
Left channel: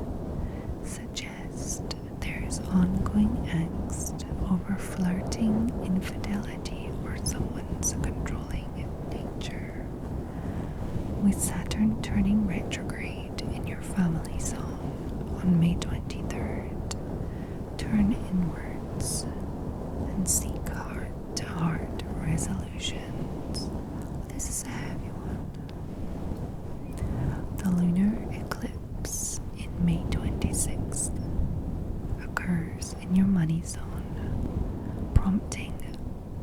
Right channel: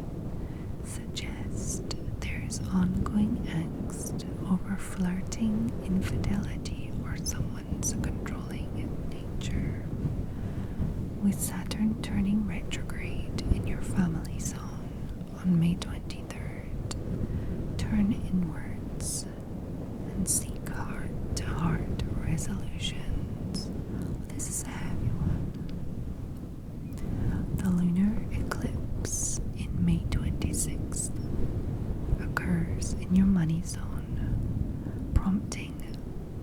suggest there is ongoing angst over flirting, infidelity, or someone's controlling nature. With Saturn turning retrograde in your family zone on May 23rd, turn inwards and seek heart-to-heart resolutions. This is a heavy one. The lunar eclipse in May 26th occurs in your money zone, prompting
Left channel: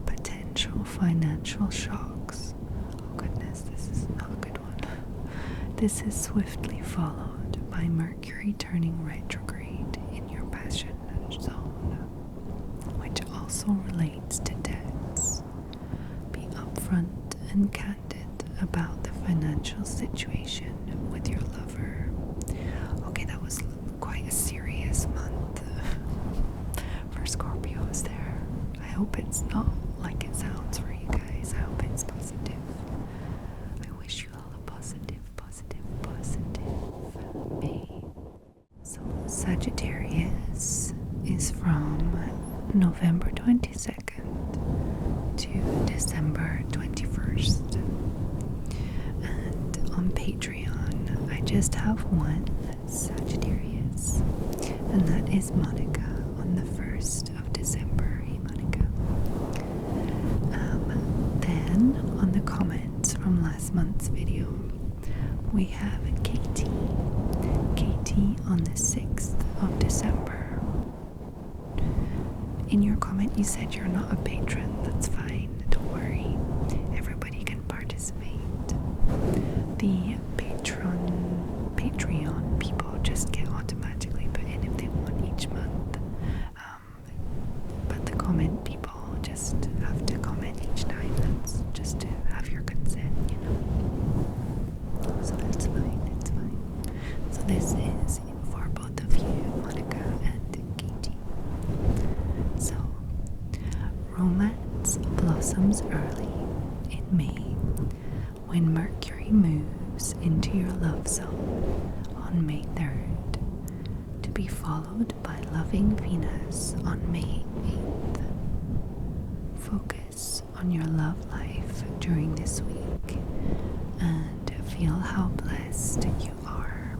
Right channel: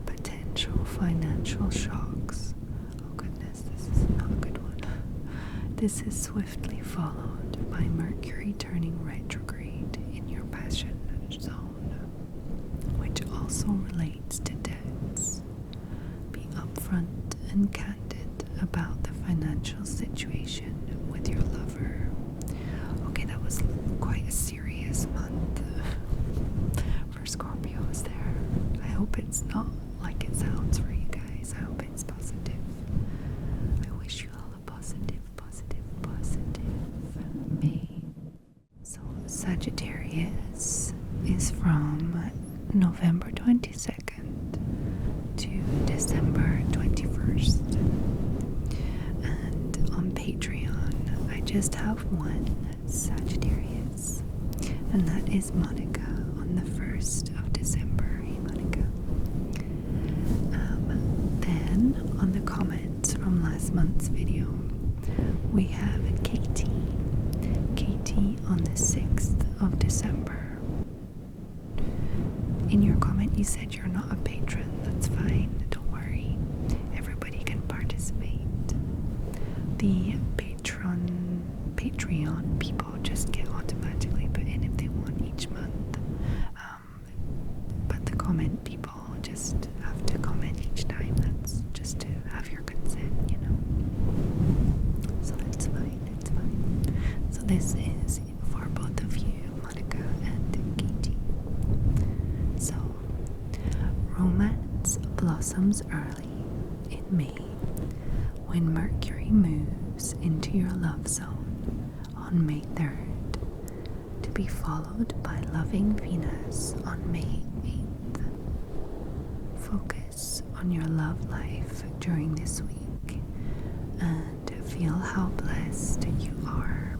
potential financial shocks. Oh goodness, this is not a good one. This is swiftly followed by Mercury turning retrograde in your passion zone, which also relates to debts. Be upfront and candid about the financial situation with your lover. Okay, that was quite a serious month for Scorpios there. I hope it's not like it sounds for you guys. I hope it's positive. I wish you all a positive May. So Sagittarius is from November 22nd to December 21st. And on Patreon, I just have one Sagittarius, and that is Monica on the 1st of December. Hey, Monica. Then, on the comments from last month's video, we have Katie. Katie on the 6th of December. In your comment, you said you're not a patron. That's fine. Don't worry. Everybody can participate. The Patreon people just get automatically put in if they want each month. But the comment people just have to comment each time. That's just to have your consent, you know. So that's fine. It's fine. So this is for both of you, Monica and Katie. So, romance blossoms early in May when Mercury moves into your love zone on May 3rd, to be followed by loving Venus on May 8th. Focus on your love life during this week and feel how blessed you are.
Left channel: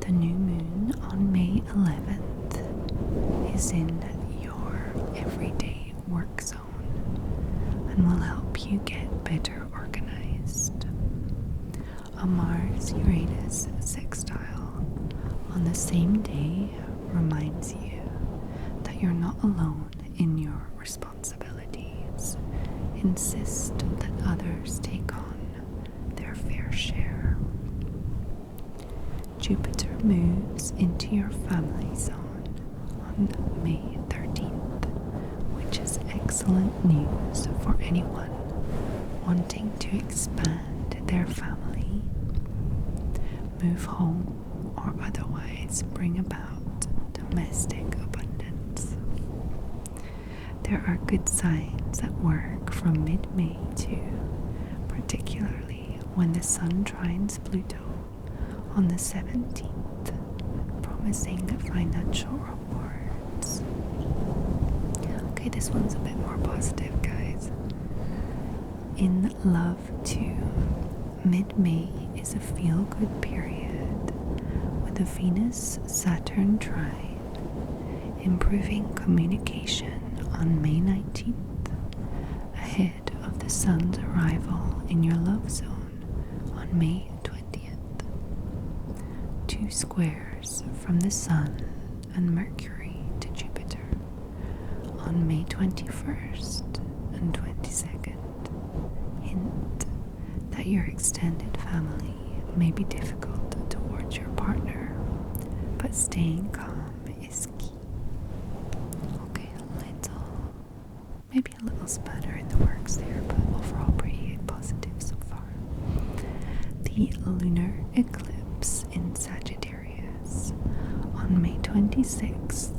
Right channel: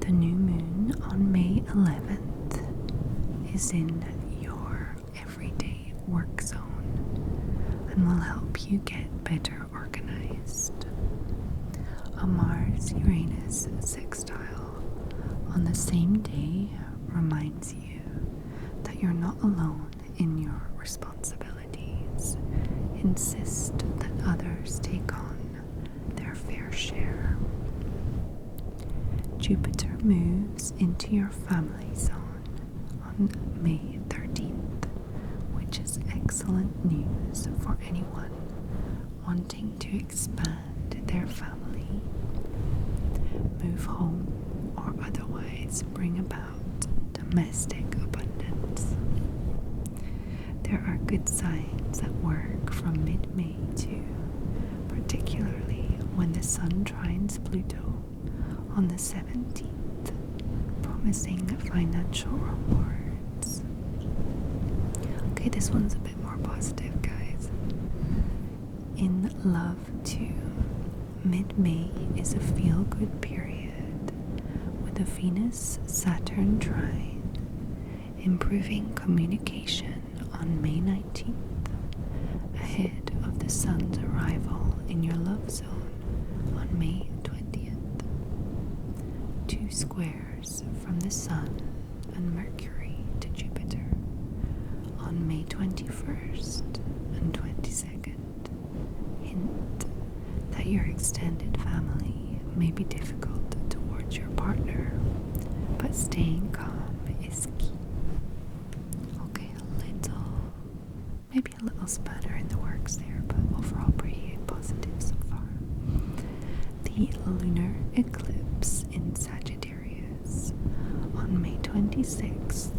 The new moon on May 11th is in your everyday work zone and will help you get better organized. A Mars-Uranus sextile on the same day reminds you that you're not alone in your responsibilities. Insist that others take on their fair share. Jupiter moves into your family zone on May 13th, which is excellent news for anyone wanting to expand their family, move home, or otherwise bring about domestic abundance. There are good signs at work from mid-May too, particularly when the Sun trines Pluto on the 17th, promising financial rewards. Okay, this one's a bit more positive, guys. In love too, mid-May is a feel-good period with a Venus-Saturn trine, improving communication on May 19th, ahead of the Sun's arrival in your love zone on May 20th. 2 squares from the Sun and Mercury to Jupiter on May 21st and 22nd hint that your extended family may be difficult towards your partner, but staying calm is key. Okay, maybe a little spanner in the works there, but overall pretty positive so far. The lunar eclipse in Sagittarius on May 26th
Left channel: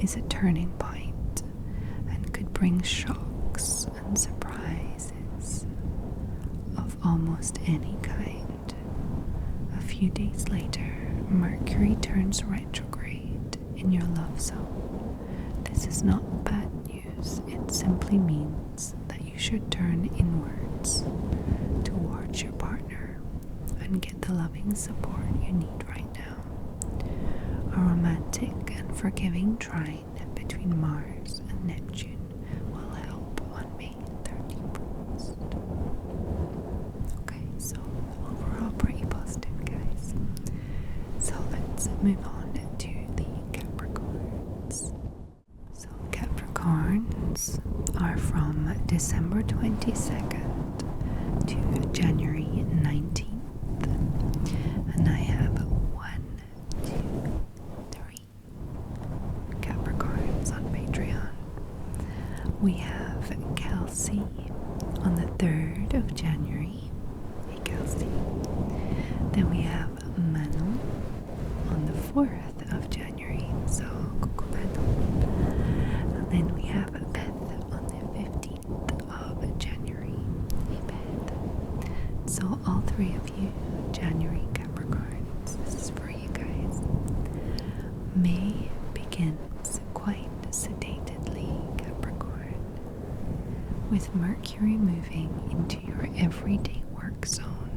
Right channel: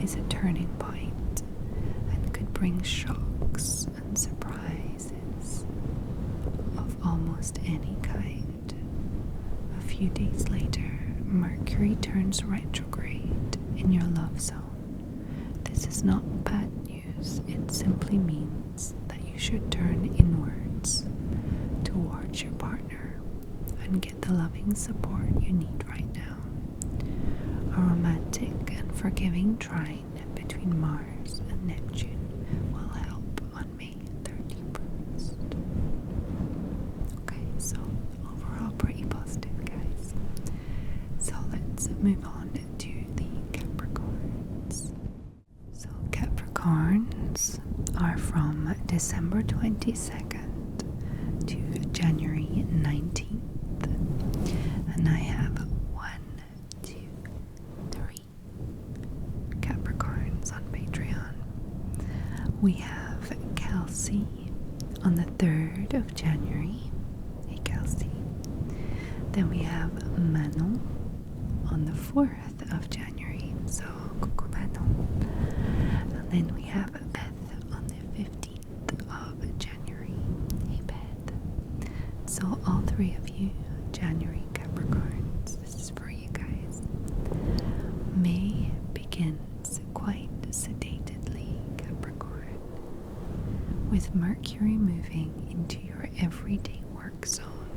is a turning point and could bring shocks and surprises of almost any kind. A few days later, Mercury turns retrograde in your love zone. This is not bad news, it simply means that you should turn inwards towards your partner and get the loving support you need right now. A romantic and forgiving trine between Mars and Neptune will help on May 31st. Okay, so overall pretty positive, guys. So let's move on to the Capricorns. So Capricorns are from December 22nd to January 19th. And I have 1, 2, 3 Capricorns on Patreon. We have Kelsey on the 3rd of January. Hey Kelsey. Then we have Manon on the 4th of January. So, coucou Manon. And then we have Beth on the 15th of January. Hey Beth. So all 3 of you, January Capricorns, this is for you guys. May begins quite sedately, Capricorn, with Mercury moving into your everyday work zone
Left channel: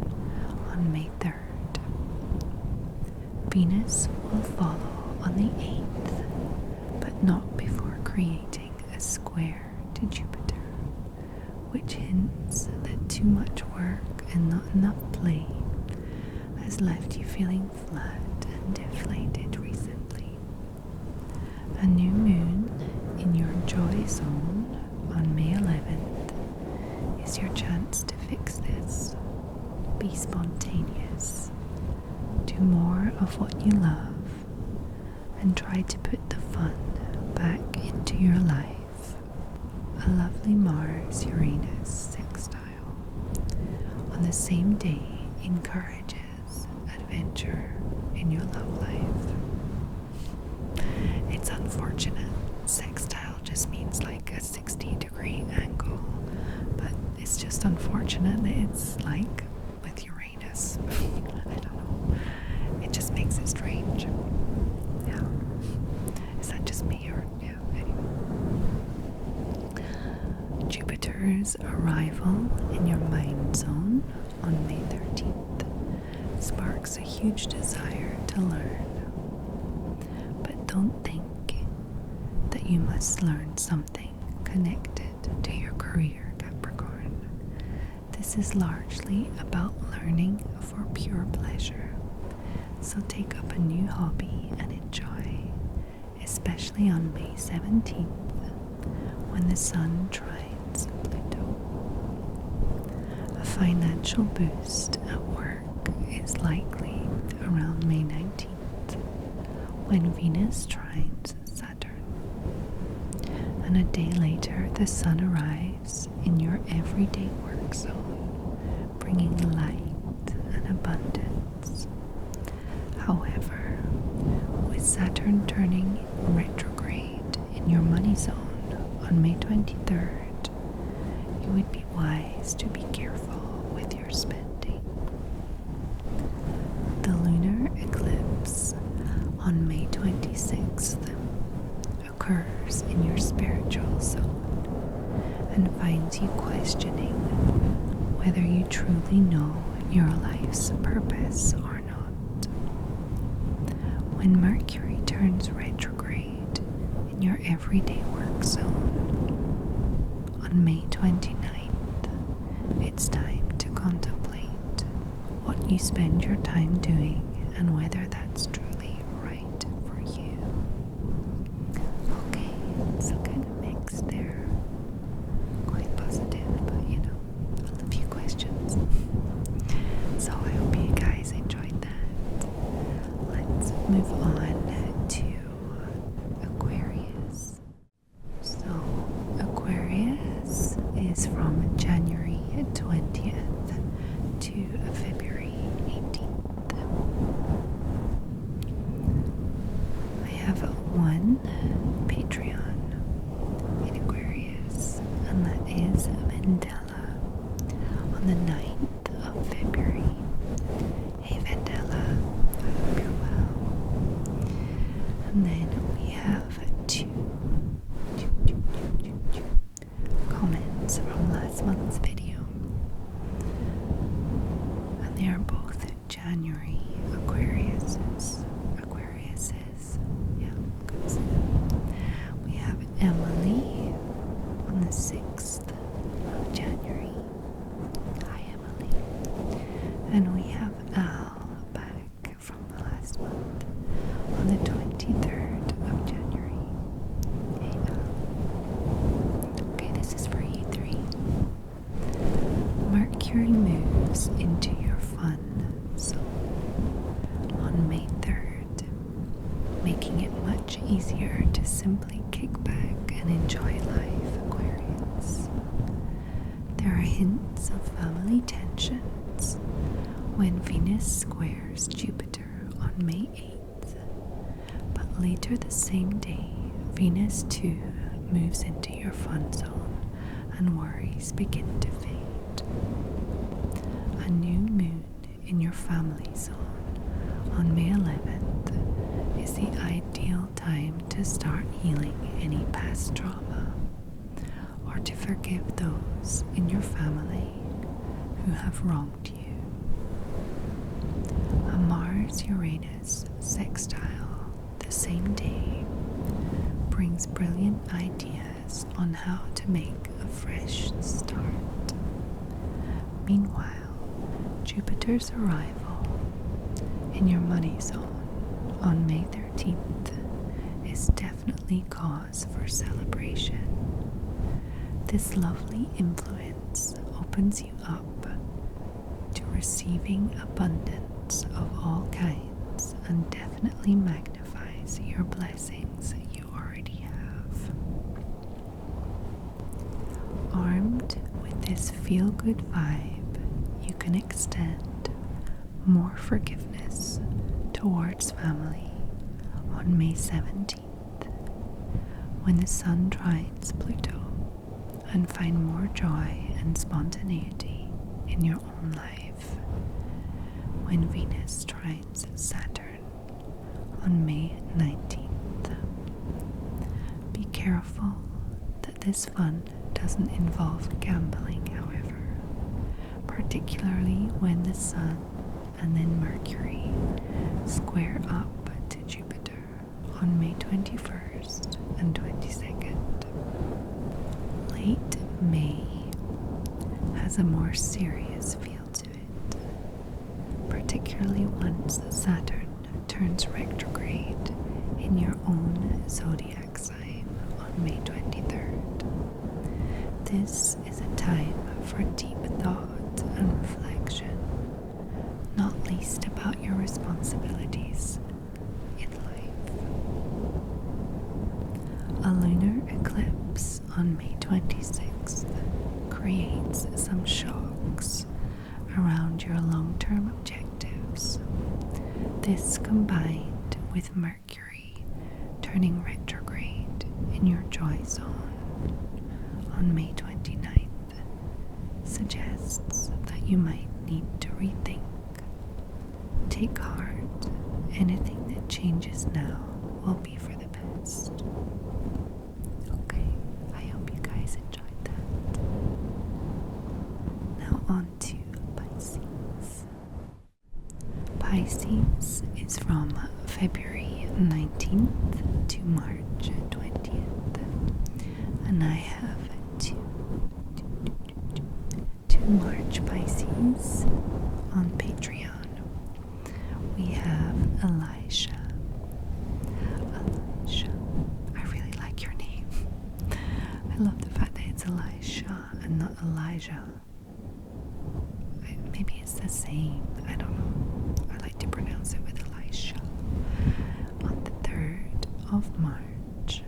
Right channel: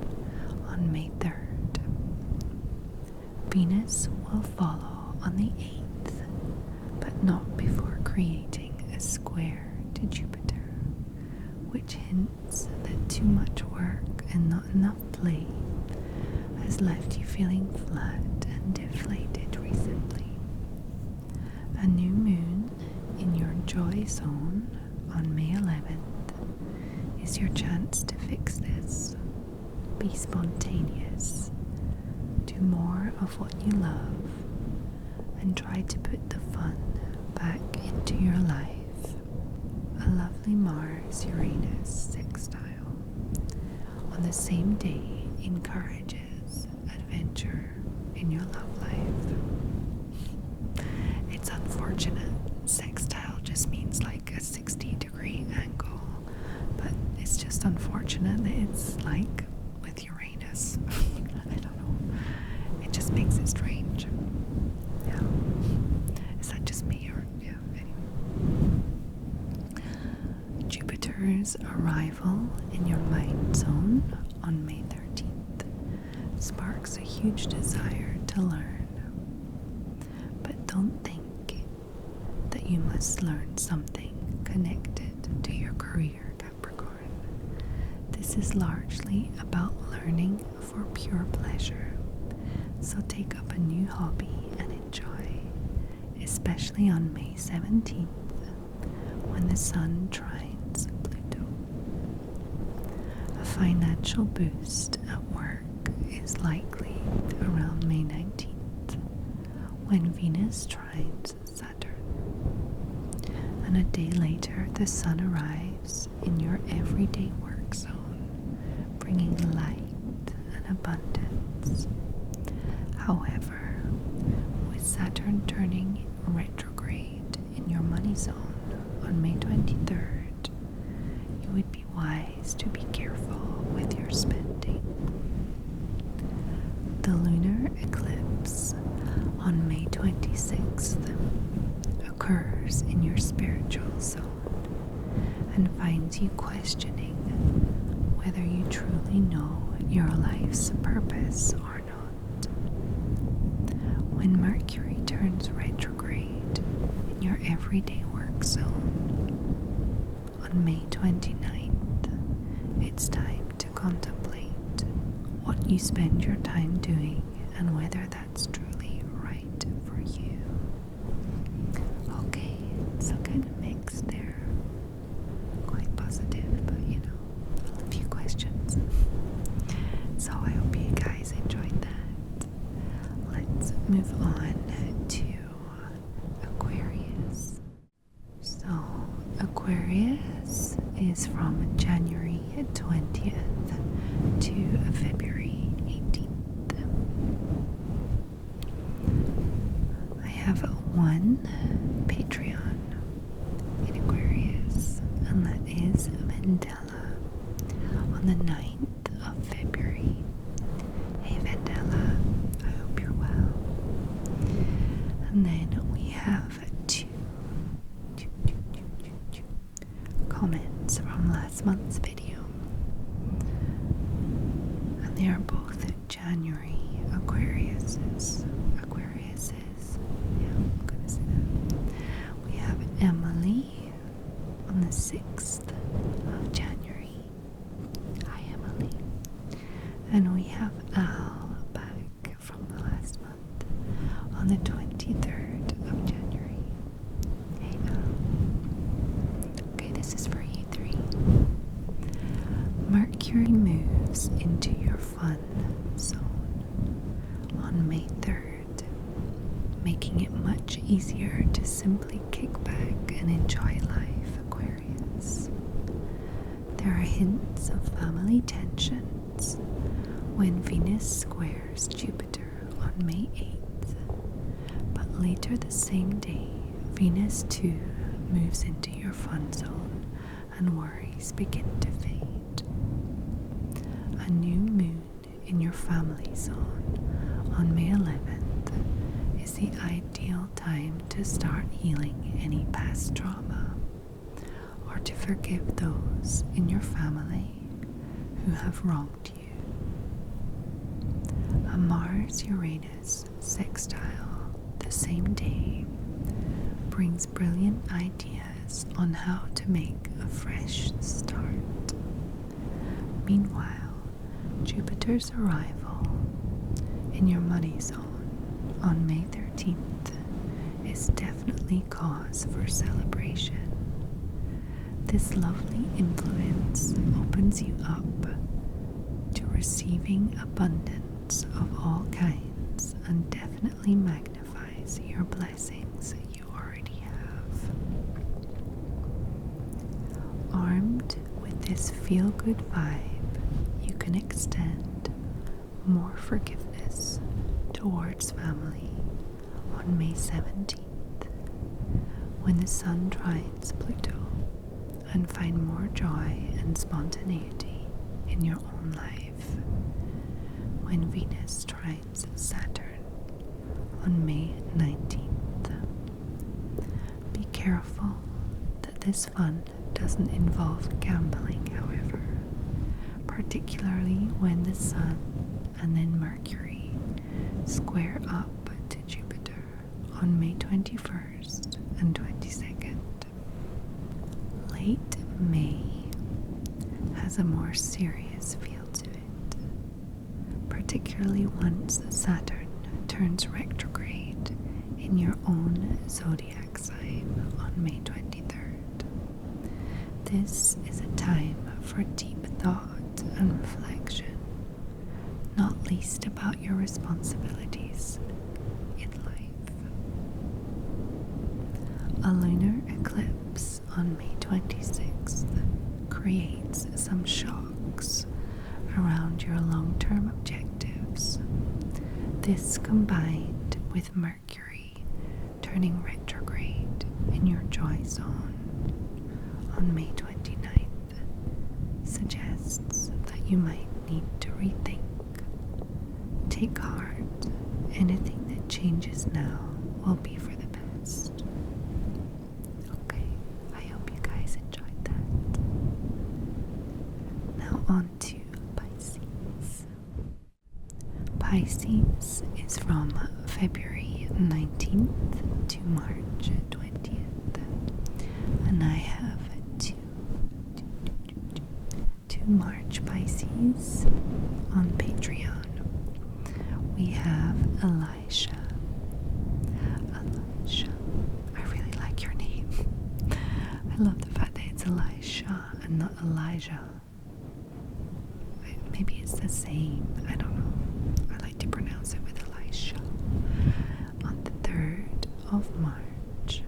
on May 3rd. Venus will follow on the 8th, but not before creating a square to Jupiter, which hints that too much work and not enough play has left you feeling flat and deflated recently. A new moon in your joy zone on May 11th is your chance to fix this. Be spontaneous. Do more of what you love and try to put the fun back into your life. A lovely Mars-Uranus sextile on the same day encourages adventure in your love life. It's unfortunate. Sextile just means like a 60-degree angle, but it's just unfortunate that it's like with Uranus. I don't know. It just makes it strange. Yeah. Is that just me or yeah, anyway. Jupiter's arrival in your mind zone on May 13th sparks a huge desire to learn. But don't think that you must learn something connected to your career, Capricorn. This is largely about learning for pure pleasure. So take up a new hobby and enjoy, especially on May 17th when the Sun trines Pluto. financial boost at work is likely around May 19th, when Venus trines Saturn. And a day later, the Sun arrives in your everyday work zone, bringing light and abundance. However, with Saturn turning retrograde in your money zone on May 23rd, you would be wise to be careful with your spending. The lunar eclipse on May 26th occurs in your spiritual zone and finds you questioning whether you truly know your life's purpose or not. When Mercury turns retrograde in your everyday work zone on May 29th, it's time to contemplate what you spend your time doing and whether that's truly right for you. Okay, so kind of mixed there. Quite positive, but a few questions. So I hope you guys enjoyed that. Let's move on to Aquarius. So Aquarius is from January 20th to February 18th. I have one Patreon in Aquarius, and that is Vendela on the 9th of February. Hey Vendela, I hope you're well. And then we have two comments from last month's video, and they are both January Aquariuses. Yeah, I'm gonna say that. We have Emily on the 6th of January. Hi Emily. And we have Al back from the last month on the 23rd of January. Hey Al. Okay, this is for you three. Mercury moves into your fun zone on May 3rd, making it much easier to simply kick back and enjoy life, Aquarius. There are hints of family tensions when Venus squares Jupiter on May 8th, but later the same day, Venus too moves into your fun zone and worries begin to fade. A new moon in your family zone on May 11th is the ideal time to start healing any past trauma or to forgive those in your family who have wronged you. A Mars-Uranus sextile the same day brings brilliant ideas on how to make a fresh start. Meanwhile, Jupiter's arrival in your money zone on May 13th is definitely cause for celebration. This lovely influence opens you up to receiving abundance of all kinds and definitely magnifies your blessings you already have. Armed with this feel-good vibe, you can extend more forgiveness towards family on May 17th, when the Sun trines Pluto, and find more joy and spontaneity in your own life when Venus trines Saturn on May 19th. Be careful that this fun doesn't involve gambling, however, particularly when the Sun and then Mercury square up to Jupiter on May 21st and 22nd. Late May has a more serious feel to it, particularly once Saturn turns retrograde in your own zodiac sign on May 23rd. This is a time for deep thought and reflection, not least about your responsibilities in life. A lunar eclipse on May 26th creates some shocks around your long-term objectives. This combined with Mercury turning retrograde in your joy zone on May 29th suggests that you might need to rethink. Take heart, anything that changes now will be for the best. Okay, I hope you guys enjoyed that. Now on to Pisces. Pisces is from February 19th to March 20th, and I have two March Pisces on Patreon. We have Elysha. I really like your name. I love the fact that it's Elysha and not Elijah. Maybe it's the same. I don't know. I like to pronounce it with Elysha. On the 3rd of March.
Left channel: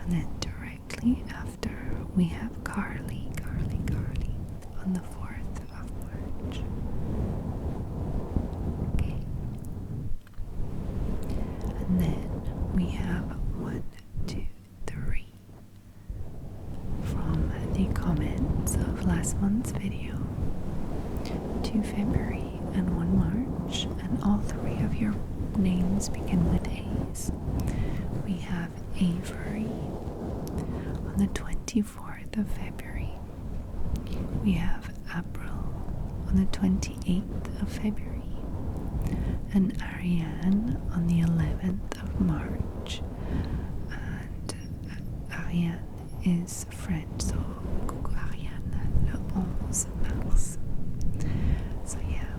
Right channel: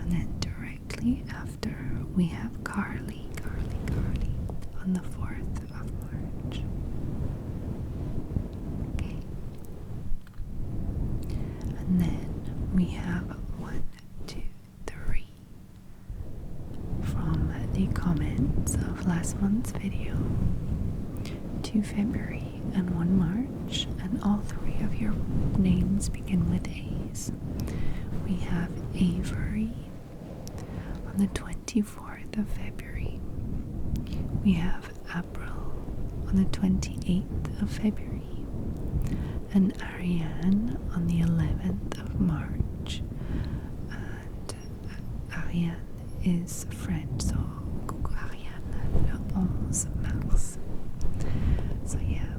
And then directly after we have Carly on the 4th of March. Okay. And then we have 1, 2, 3 from the comments of last month's video. 2 February and 1 March, and all 3 of your names begin with A's. We have Avery on the 24th of February. We have Abril on the 28th of February, and Rhiannon on the 11th of March. And Rhiannon is French, so coucou Rhiannon, le 11 mars. So yeah,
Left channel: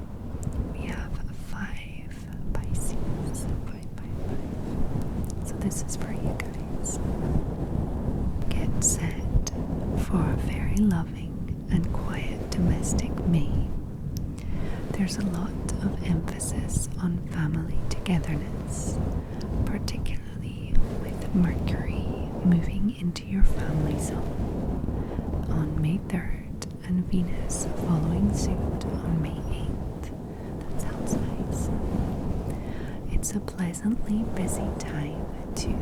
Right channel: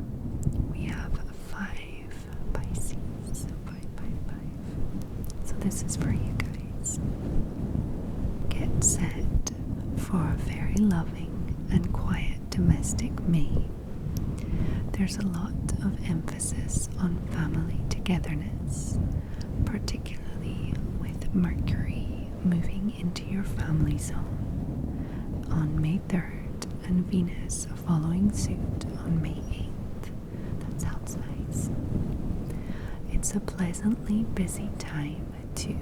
we have 5 Pisces, 5. So this is for you guys. Get set for a very loving and quiet domestic May. There's a lot of emphasis on family togetherness, particularly with Mercury moving into your family zone on May 3rd and Venus following suit on May 8th. That sounds nice. It's a pleasantly busy time too.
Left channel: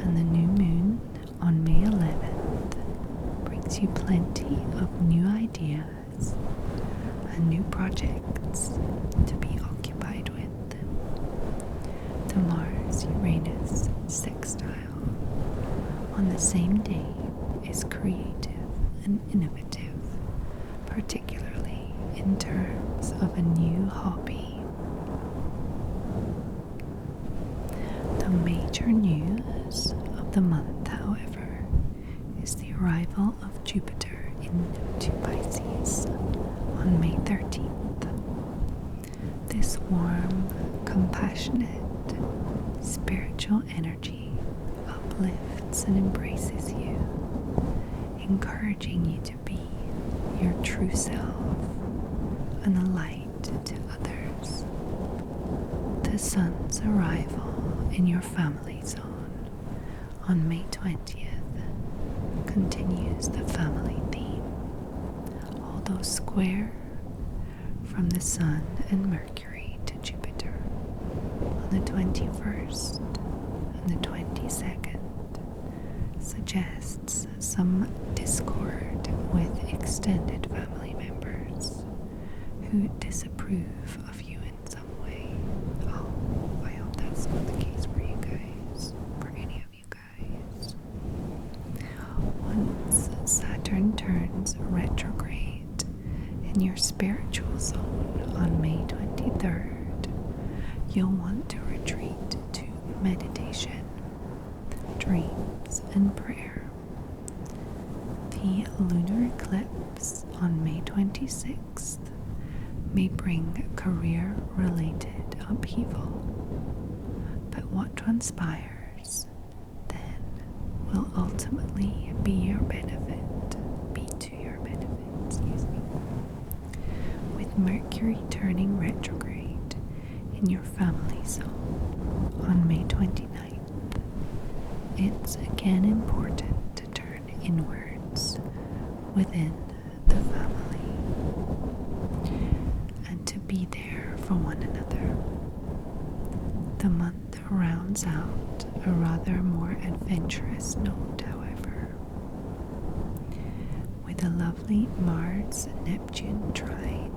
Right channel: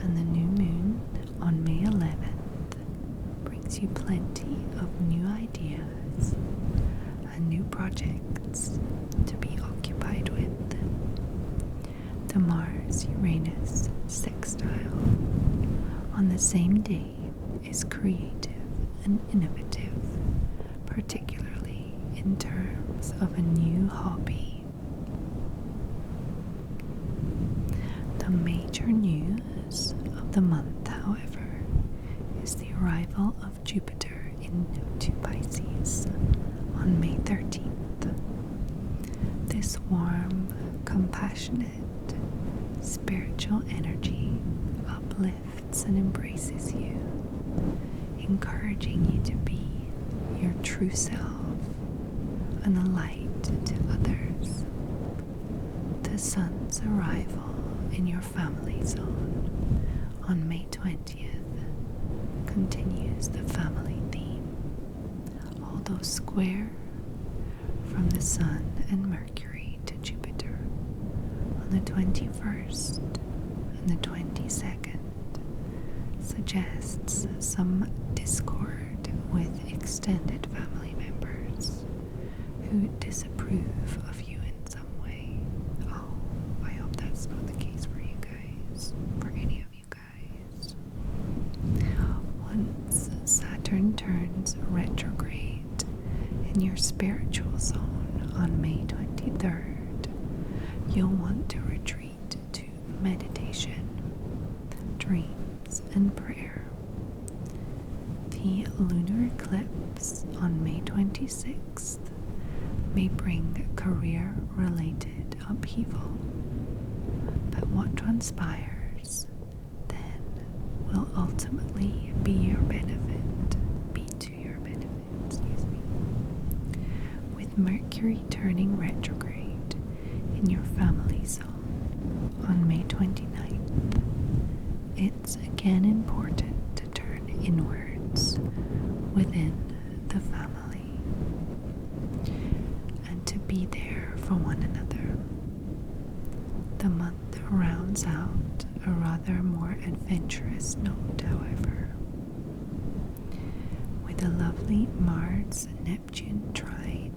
And the new moon on May 11th brings you plenty of new ideas and new projects to be occupied with. The Mars-Uranus sextile on the same day is creative and innovative, particularly in terms of a new hobby. The major news of the month, however, is the arrival of Jupiter into Pisces on May 13th. This warm, compassionate, spiritual energy uplifts and embraces you, encouraging you to be your true self and a light to others. The sun's arrival in your family zone on May 20th continues the family theme, although square from the Sun and Mercury to Jupiter on the 21st and the 22nd suggests some discord with extended family members who disapprove of you in some way. Oh, I hope that's not the case for you guys, for any of you guys. Once Saturn turns retrograde in your spiritual zone on May 23rd, you'll want to retreat to meditation, dreams, and prayer. The lunar eclipse on May 26th may bring career-related upheaval, but what transpires then will ultimately be to your benefit, excuse me. with Mercury turning retrograde in your family zone on May 29th, it's again important to turn inwards within the family and to be there for one another. The month rounds out a rather more adventurous note, however, with a lovely Mars-Neptune trine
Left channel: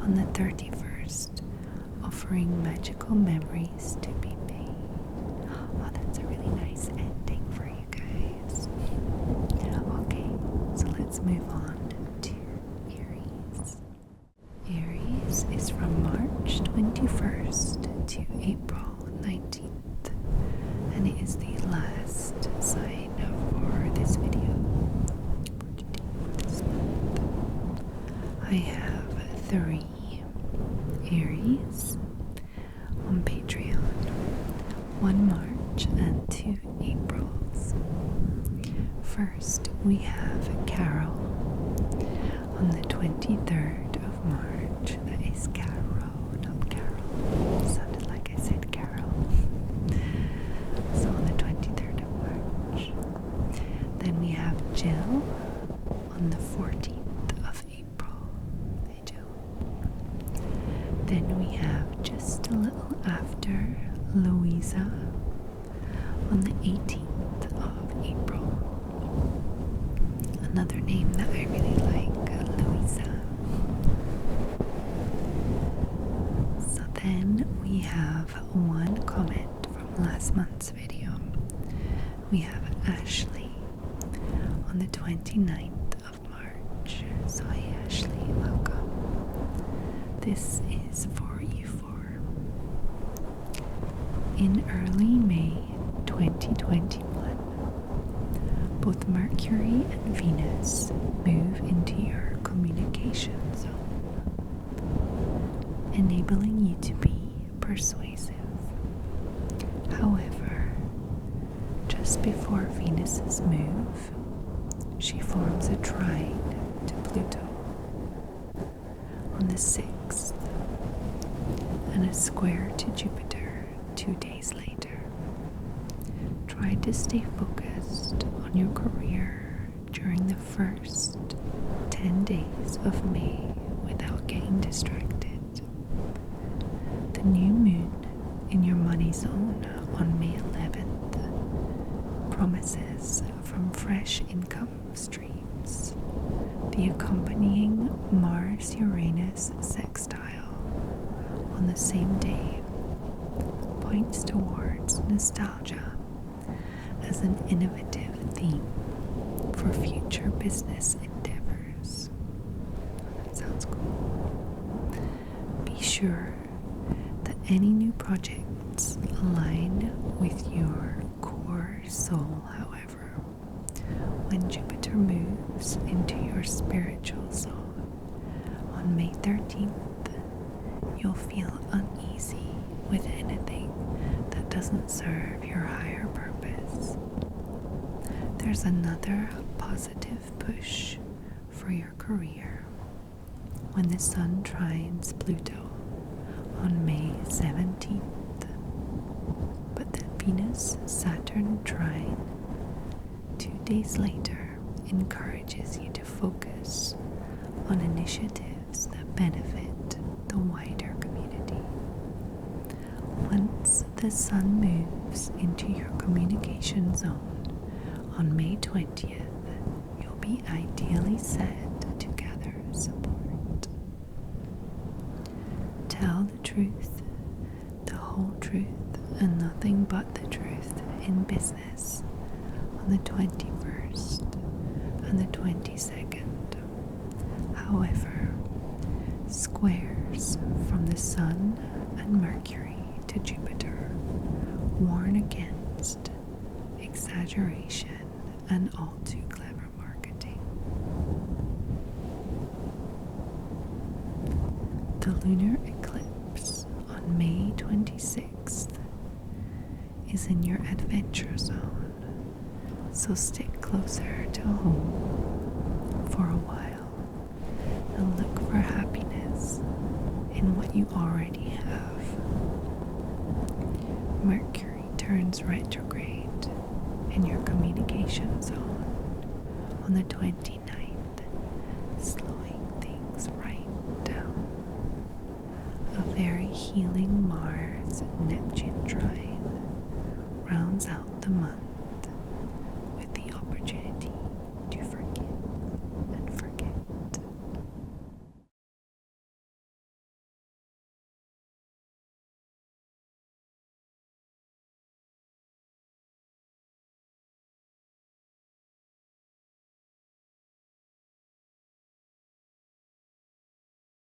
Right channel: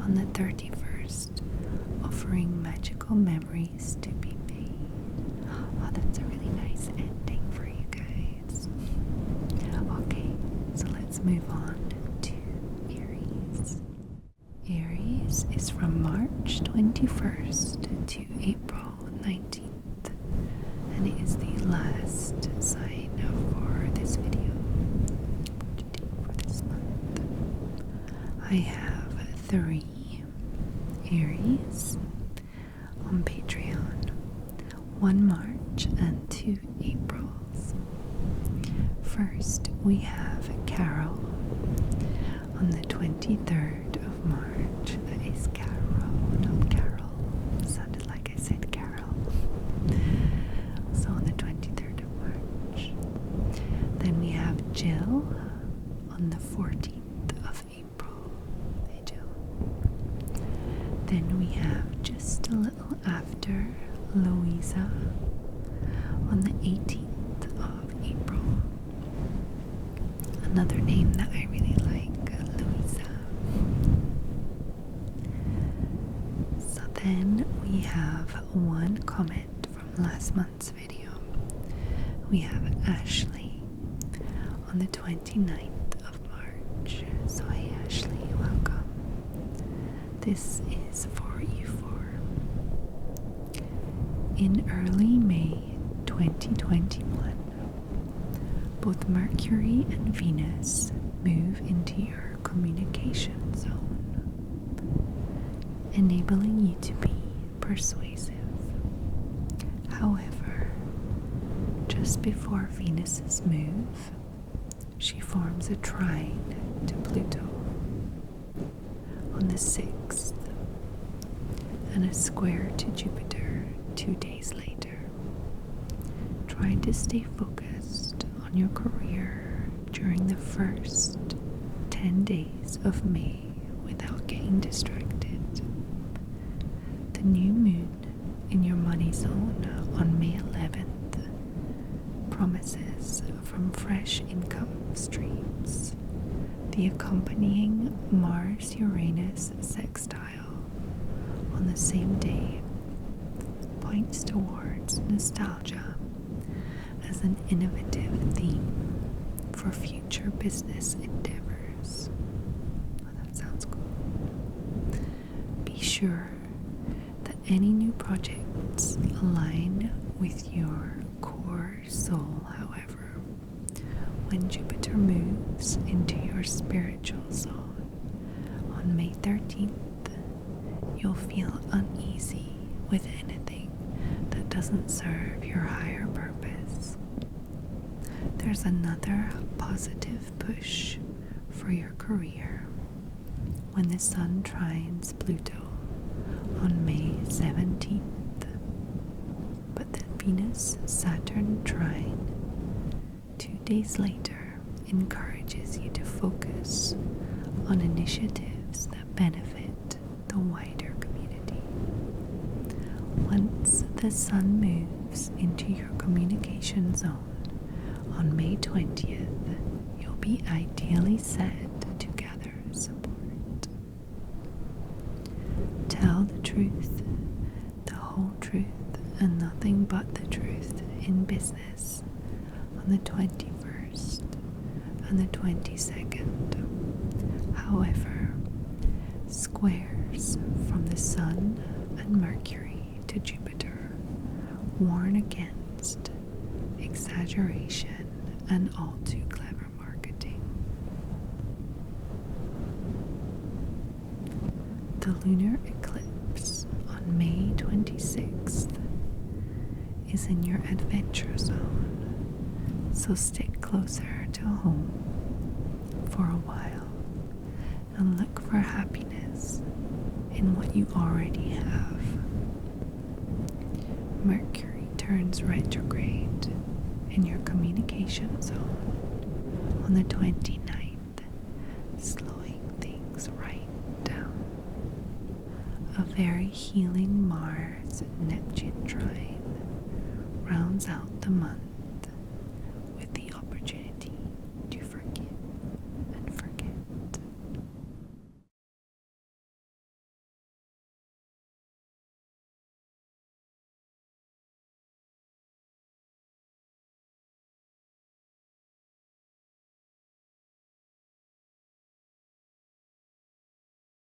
on the 31st, offering magical memories to be made. Oh, that's a really nice ending for you guys. Okay, so let's move on to Aries. Aries is from March 21st to April 19th, and it is the last sign for this video for this month. I have 3 Aries on Patreon, 1 March and 2 Aprils. First, we have Carol on the 23rd of March. That is Carol, not Carol. It sounded like I said Carol. So on the 23rd of March. Then we have Jill on the 14th of April. Hey Jill. Then we have just a little after Louisa on the 18th of April. Another name that I really like, Louisa. So then we have one comment from last month's video. We have Ashley on the 29th of March. So hey Ashley, welcome. This is for you four. In early May 2021, both Mercury and Venus move into your communication zone, enabling you to be persuasive. However, just before Venus's move, she forms a trine to Pluto on the 6th and a square to Jupiter 2 days later. Try to stay focused on your career during the first 10 days of May without getting distracted. The new moon in your money zone on May 11th promises from fresh income streams. The accompanying Mars-Uranus sextile on the same day points towards nostalgia as an innovative theme for future business endeavors. Oh, that sounds cool. Be sure that any new projects align with your core soul, however. When Jupiter moves into your spiritual zone on May 13th, you'll feel uneasy with anything that doesn't serve your higher purpose. There's another positive push for your career when the Sun trines Pluto on May 17th. But the Venus-Saturn trine 2 days later encourages you to focus on initiatives that benefit the wider community. Once the Sun moves into your communication zone on May 20th, you'll be ideally set to gather support. Tell the truth, the whole truth, and nothing but the truth in business on the 21st and the 22nd. However, squares from the Sun and Mercury to Jupiter warn against exaggeration and all too clever marketing. The lunar eclipse on May 26th is in your adventure zone, so stick closer to home for a while and look for happiness in what you already have. Mercury turns retrograde in your communication zone on the 29th, slowing things right down. A very healing Mars-Neptune trine rounds out the month